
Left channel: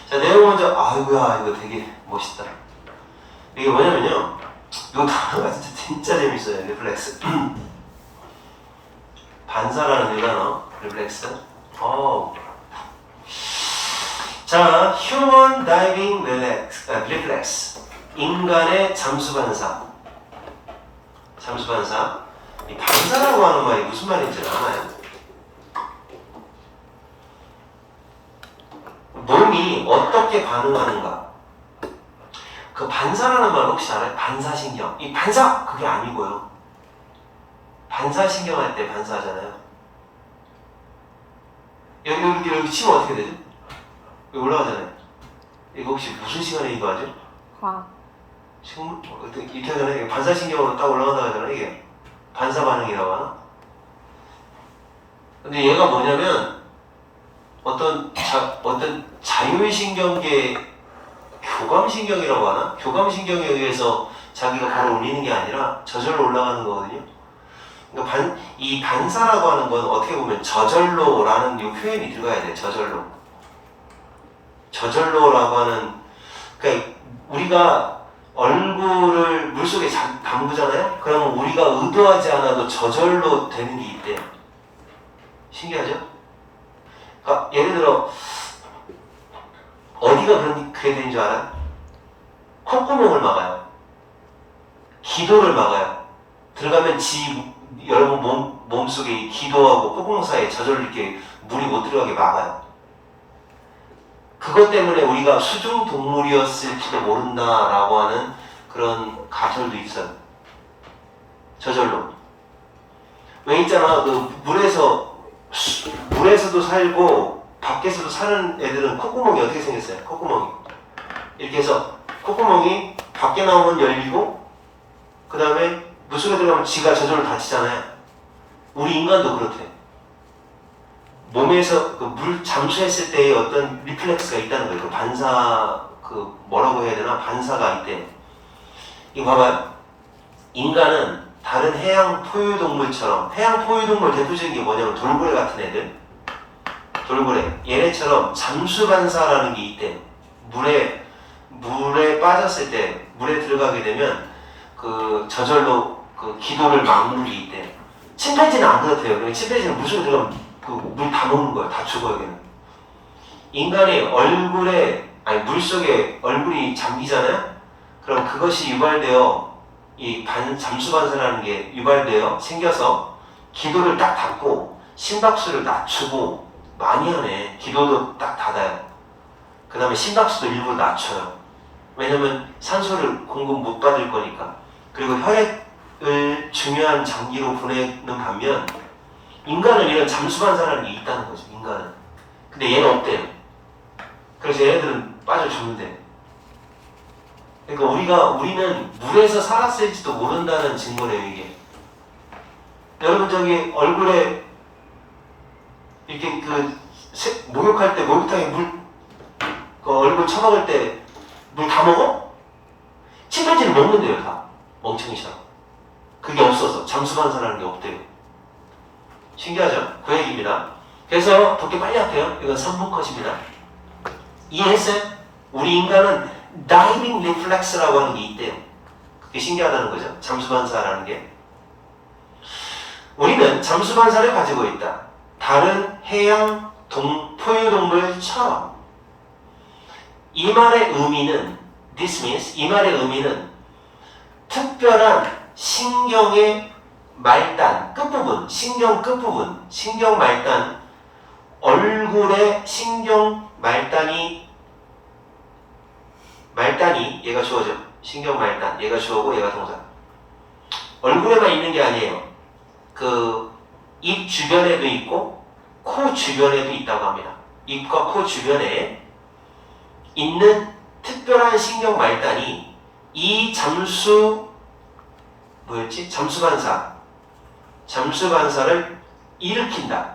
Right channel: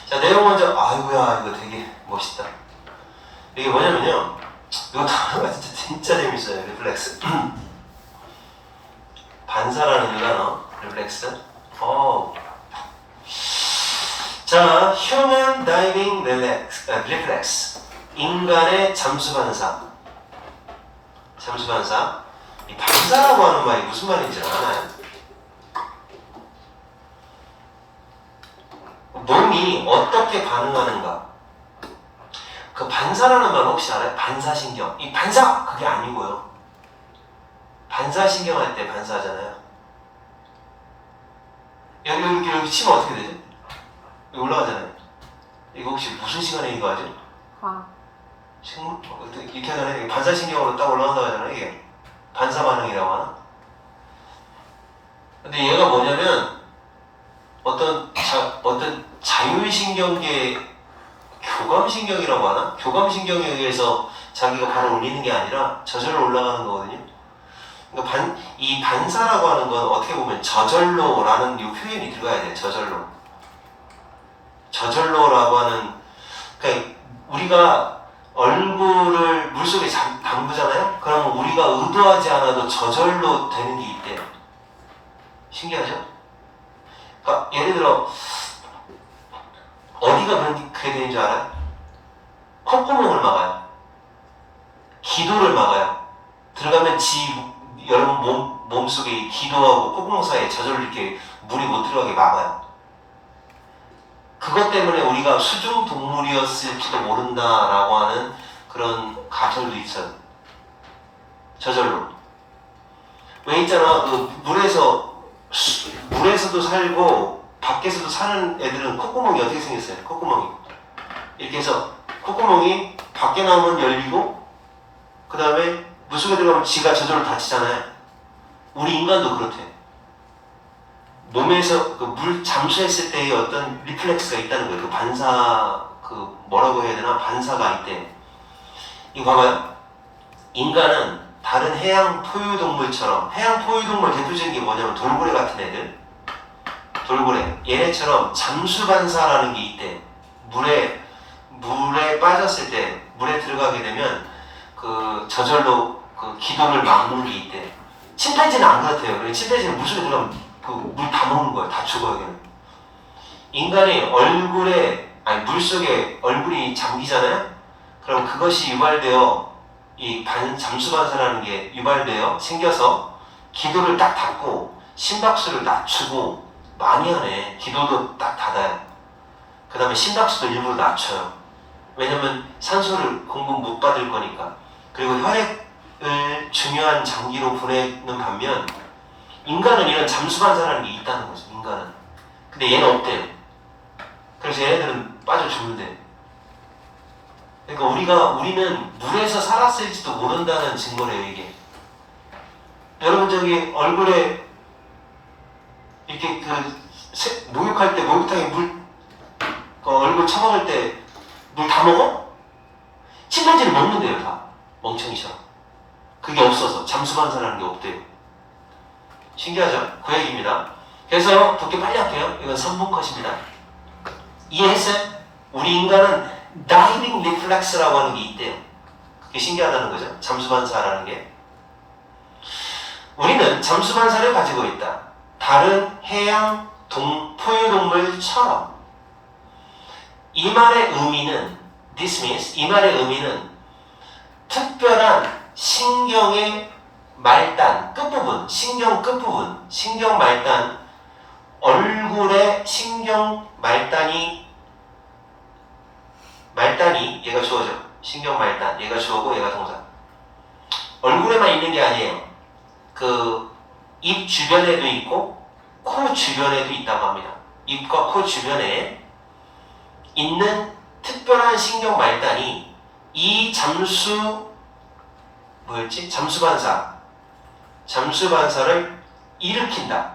자, 내용 먼저, 아이고야, 이거 되게 멋있다. 이게 뭐냐면요. 이거 단어가 진짜 재밌어요. 리플렉스. 반사라는 이 단어, 리플렉스. 자, Human Diving Reflex. 인간의 잠수반사. 이 반사라고 하는 말이 무슨 말인지 아나요? 몸이 어떻게 반응하는가? 그 반사라는 말 혹시 알아요? 반사신경. 이 반사! 그게 아니고요. 반사신경 할 때 반사하잖아요. 여기 치면 어떻게 되죠? 여기 올라가잖아요. 이거 혹시 무슨 시간에 이거 하죠? 식물? 이렇게 하잖아요. 반사신경으로 딱 올라간다고 하잖아요. 이게 반사반응이라고 하나? 근데 얘가 뭐냐면 어떤 자율신경계 교감신경이라고 하나? 교감신경에 의해서 자기가 바로 울리는 게 아니라 저절로 올라가는 거거든요. 그러니까 이 반사라고 하는 건 어떻게 보면 저절로라는 이 표현이 들어가야 돼. 저절로라고 하는, 그러니까 우리가 얼굴을 물속에 담그잖아요? 그러면 우리가 의도하지 않아도 저절로 되는 게 있대. 신기하죠? 그러니까 예를 들어 어디가 그렇게 되는 줄 알아요? 콧구멍을 막아요. 기도를 막아요. 들어가면 여러분 몸속에 기도하고 콧구멍 사이에 저절로 이렇게 물이 못 들어가게 막아요. 그것 때문에 우리가 수중 동물이었을지도 모른다라고 하는 그런 가설도 있어요. 저절로. 왜 있잖아, 그 물에서도 살고 밖에서도 사는 애들은 콧구멍이 어떻게 생겼어요? 콧구멍이 이렇게 해서 콧구멍이 밖에 나오면 열리고 그 다음에 물속에 들어가면 지가 저절로 닫히잖아요. 우리 인간도 그렇대. 몸에서 그 물 잠수했을 때의 어떤 리플렉스가 있다는 거예요. 그 반사, 뭐라고 해야 되나? 반사가 있대. 이거 봐봐요. 인간은 다른 해양 포유동물처럼, 해양 포유동물 대표적인 게 뭐냐면 돌고래 같은 애들. 돌고래. 얘네처럼 잠수반사라는 게 있대. 물에 빠졌을 때, 물에 들어가게 되면 저절로 기도를 막는 게 있대. 침팬지는 안 그렇대요. 그러니까 침팬지는 물속에 들어가면 물 다 먹는 거야. 다 죽어요, 걔는. 인간이 물속에 얼굴이 잠기잖아요? 그럼 그것이 유발되어, 잠수반사라는 게 유발되어 생겨서 기도를 딱 닫고 심박수를 낮추고 많이 하네. 기도도 딱 닫아요. 그 다음에 심박수도 일부러 낮춰요. 왜냐면 산소를 공급 못 받을 거니까. 그리고 혈액을 중요한 장기로 보내는 반면 인간은 이런 잠수반사라는 게 있다는 거죠. 인간은. 근데 얘는 없대요. 그래서 얘네들은 빠져 죽는데. 그러니까 우리는 물에서 살았을지도 모른다는 증거래요, 이게. 여러분 저기 얼굴에 이렇게 목욕할 때 목욕탕에 얼굴 처박을 때 물 다 먹어? 침팬지는 먹는데요, 다. 멍청이처럼. 그게 없어서 잠수반사라는 게 없대요. 신기하죠? 그 얘기입니다. 그래서 독해 빨리 할게요. 이건 3분 컷입니다. 이해했어요? 우리 인간은 다이빙 리플렉스라고 하는 게 있대요. 그게 신기하다는 거죠. 잠수반사라는 게. 우리는 잠수반사를 가지고 있다. 다른 해양 포유동물처럼. 이 말의 의미는 this means, 이 말의 의미는 특별한 신경의 말단 끝부분, 신경 끝부분, 신경 말단, 얼굴에 신경 말단이 얘가 주어죠. 신경 말단, 얘가 주어고 얘가 동사. 얼굴에만 있는 게 아니에요. 그 입 주변에도 있고 코 주변에도 있다고 합니다. 입과 코 주변에 있는 특별한 신경 말단이 이 잠수반사를 일으킨다.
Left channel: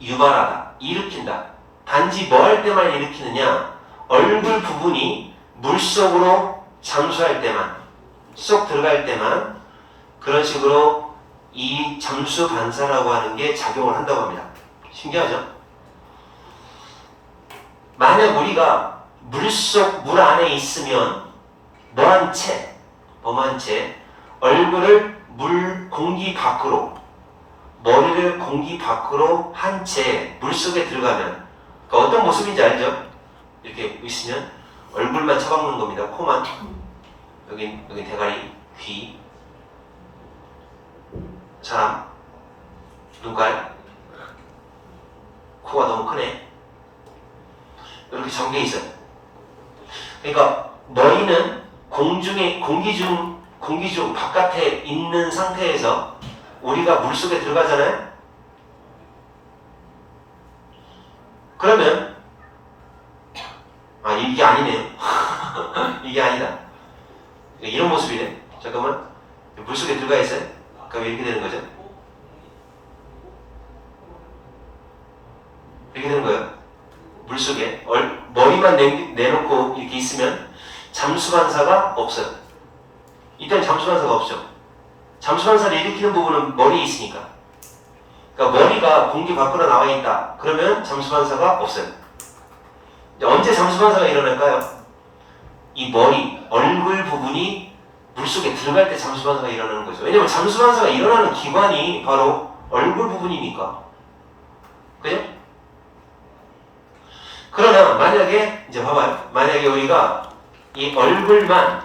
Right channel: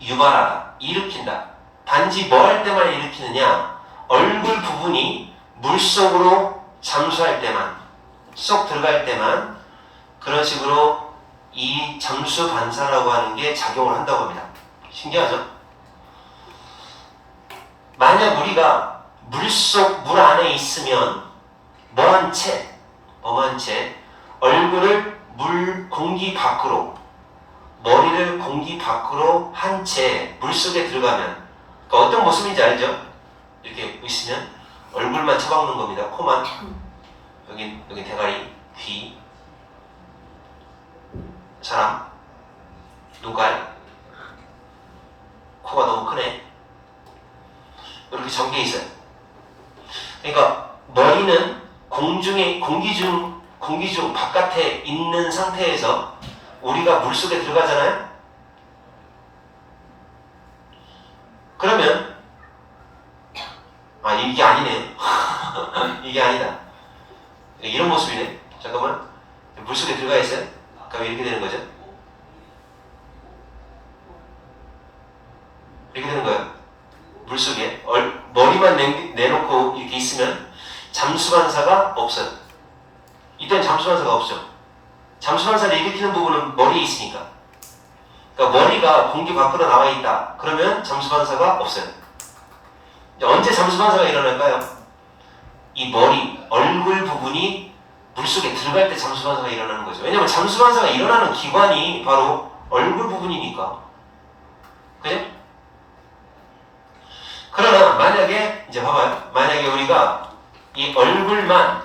유발하다. 일으킨다. 단지 뭐 할 때만 일으키느냐? 얼굴 부분이 물속으로 잠수할 때만, 쏙 들어갈 때만 그런 식으로 이 잠수반사라고 하는 게 작용을 한다고 합니다. 신기하죠? 만약 우리가 물 안에 있으면 범한 채 얼굴을 공기 밖으로, 머리를 공기 밖으로 한 채 물속에 들어가면 그러니까 어떤 모습인지 알죠? 이렇게 있으면 얼굴만 처박는 겁니다. 코만, 여기 대가리, 귀, 사람, 눈깔, 코가 너무 크네. 이렇게 잠겨 있어요. 그러니까 머리는 공기 중 바깥에 있는 상태에서 우리가 물속에 들어가잖아요. 그러면 이게 아니네요. 이게 아니다. 이런 모습이네. 잠깐만. 물속에 들어가 있어요. 그럼 이렇게 되는 거죠. 이렇게 되는 거예요. 물속에 머리만 내놓고 이렇게 있으면 잠수반사가 없어요. 이때는 잠수반사가 없죠. 잠수반사를 일으키는 부분은 머리에 있으니까. 그러니까 머리가 공기 밖으로 나와 있다. 그러면 잠수반사가 없어요. 언제 잠수반사가 일어날까요? 이 머리, 얼굴 부분이 물속에 들어갈 때 잠수반사가 일어나는 거죠. 왜냐면 잠수반사가 일어나는 기관이 바로 얼굴 부분이니까. 그죠? 그러나 만약에 이제 봐봐요. 만약에 우리가 이 얼굴만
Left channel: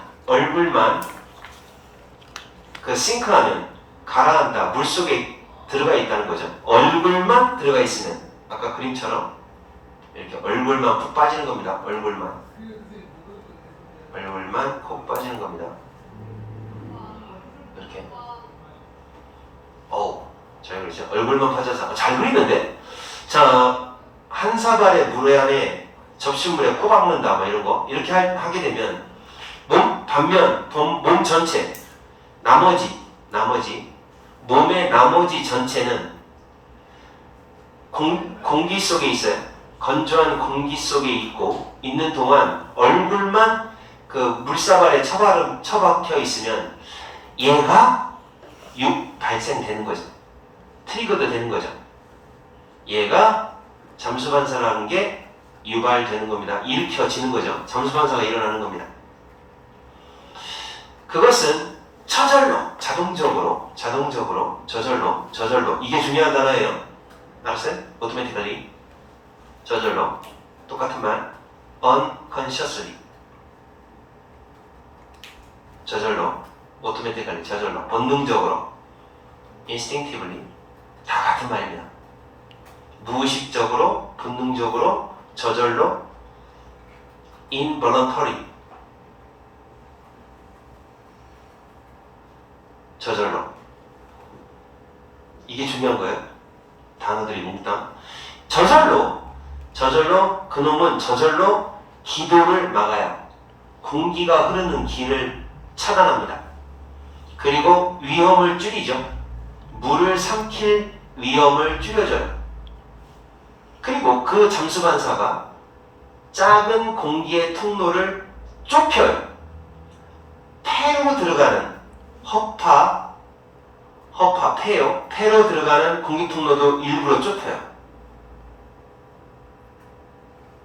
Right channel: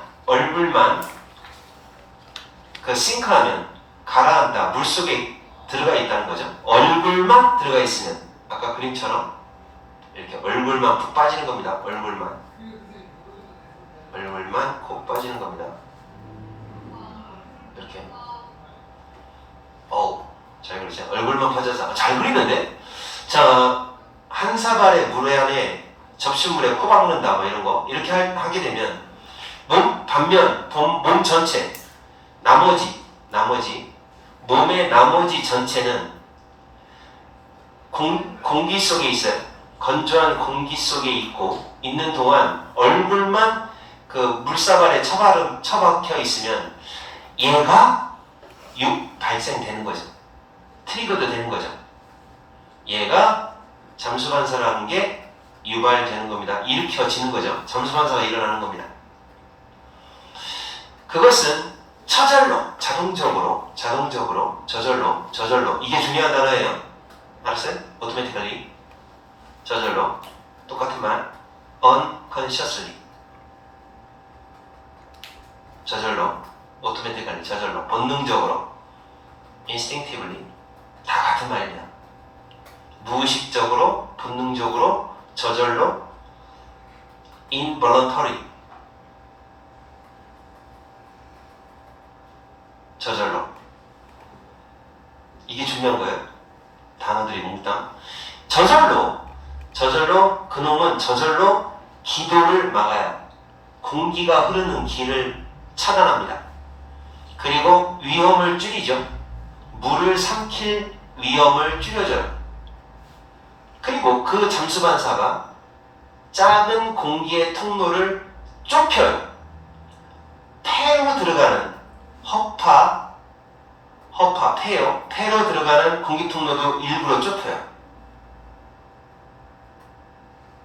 그 싱크하면 가라앉다, 물속에 들어가 있다는 거죠. 얼굴만 들어가 있으면 아까 그림처럼 이렇게 얼굴만 푹 빠지는 겁니다. 얼굴만 콕 빠지는 겁니다. 이렇게. 잘 그리죠? 얼굴만 빠져서 잘 그리는데? 자, 한 사발의 물 안에 접시물에 코 박는다 뭐 이런 거 이렇게 하게 되면 몸 전체 몸의 나머지 전체는 공기 속에 있어요. 건조한 공기 속에 있는 동안 얼굴만 그 물사발에 처박혀 있으면 얘가 발생되는 거죠. 트리거도 되는 거죠. 얘가 잠수반사라는 게 유발되는 겁니다. 일으켜지는 거죠. 잠수반사가 일어나는 겁니다. 그것은 저절로, 자동적으로, 저절로 이게 중요한 단어예요. 알았어요? automatically 저절로 똑같은 말 unconsciously 저절로 automatically 저절로 본능적으로 instinctively 다 같은 말입니다. 무의식적으로 본능적으로 저절로 involuntary 저절로 이게 중요한 거예요. 단어들이 몽땅 저절로 그놈은 저절로 기도를 막아야 공기가 흐르는 길을 차단합니다. 그리고 위험을 줄이죠. 물을 삼킬 위험을 줄여줘요. 그리고 그 잠수반사가 작은 공기의 통로를 좁혀요. 폐로 들어가는 폐로 들어가는 공기 통로도 일부러 좁혀요.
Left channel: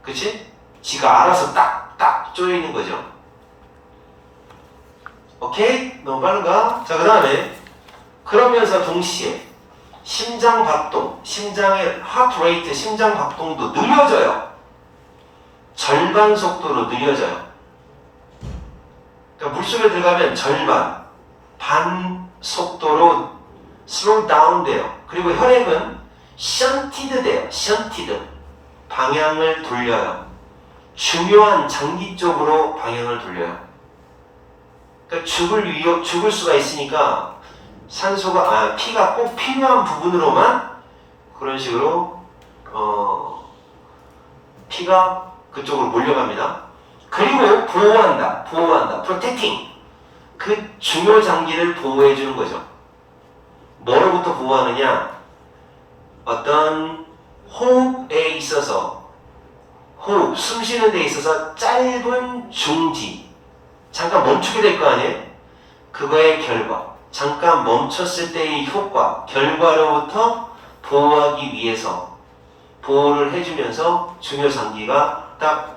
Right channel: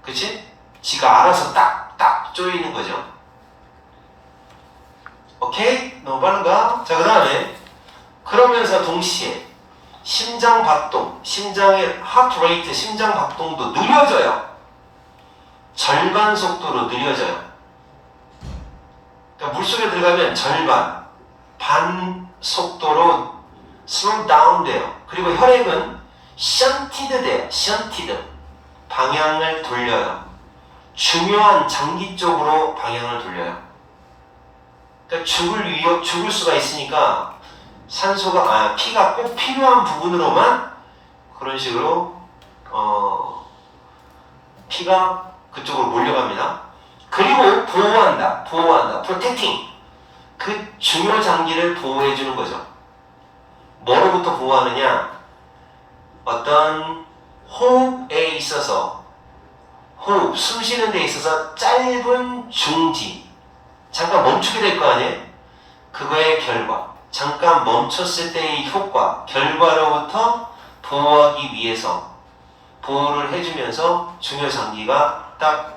그치? 지가 알아서 딱 쪼여 있는 거죠. 오케이? 너무 빠른가? 자, 그 다음에 그러면서 동시에 심장 박동, 심장의 하트 레이트, 심장 박동도 느려져요. 절반 속도로 느려져요. 그러니까 물속에 들어가면 절반, 반 속도로 slow down 돼요. 그리고 혈액은 shunted 돼요. shunted. 방향을 돌려요. 중요한 장기 쪽으로 방향을 돌려요. 그러니까 죽을 수가 있으니까 피가 꼭 필요한 부분으로만 그런 식으로 피가 그쪽으로 몰려갑니다. 그리고 보호한다. protecting. 그 중요 장기를 보호해 주는 거죠. 뭐로부터 보호하느냐? 어떤 호흡에 있어서 숨 쉬는 데 있어서 짧은 중지, 잠깐 멈추게 될 거 아니에요? 그거의 결과, 잠깐 멈췄을 때의 효과, 결과로부터 보호하기 위해서 보호를 해주면서 중요 장기가 딱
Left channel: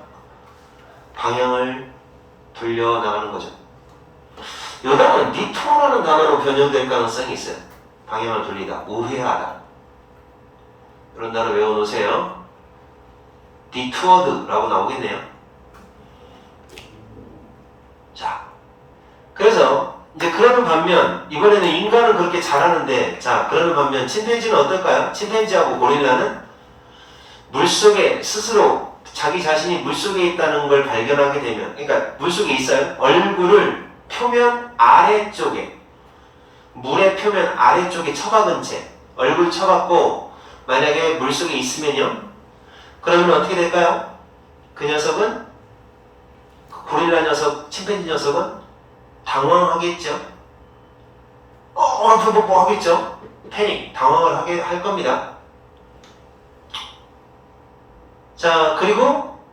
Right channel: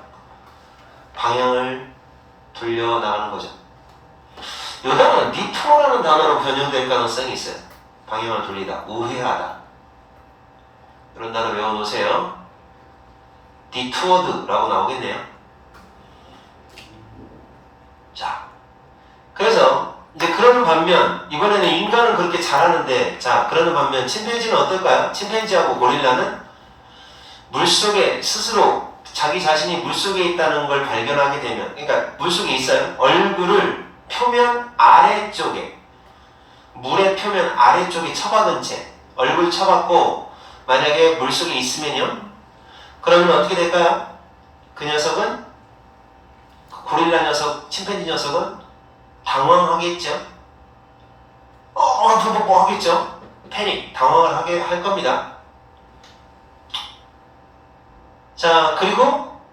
방향을 돌려 나가는 거죠. 이거는 디토라는 단어로 변형될 가능성이 있어요. 방향을 돌리다, 우회하다. 이런 단어 외워놓으세요. detoured라고 나오겠네요. 자, 그래서 이제 그러는 반면 이번에는 인간은 그렇게 잘하는데, 자, 그러는 반면 침팬지는 어떨까요? 침팬지하고 고릴라는 물속에 스스로 자기 자신이 물속에 있다는 걸 발견하게 되면, 그러니까 물속에 있어요. 얼굴을 표면 아래쪽에, 물의 표면 아래쪽에 처박은 채 얼굴 처박고 만약에 물속에 있으면요, 그러면 어떻게 될까요? 그 녀석은, 고릴라 녀석, 침팬지 녀석은 당황하겠죠. 뭐 하겠죠? 패닉, 당황을 하게 할 겁니다. 자, 그리고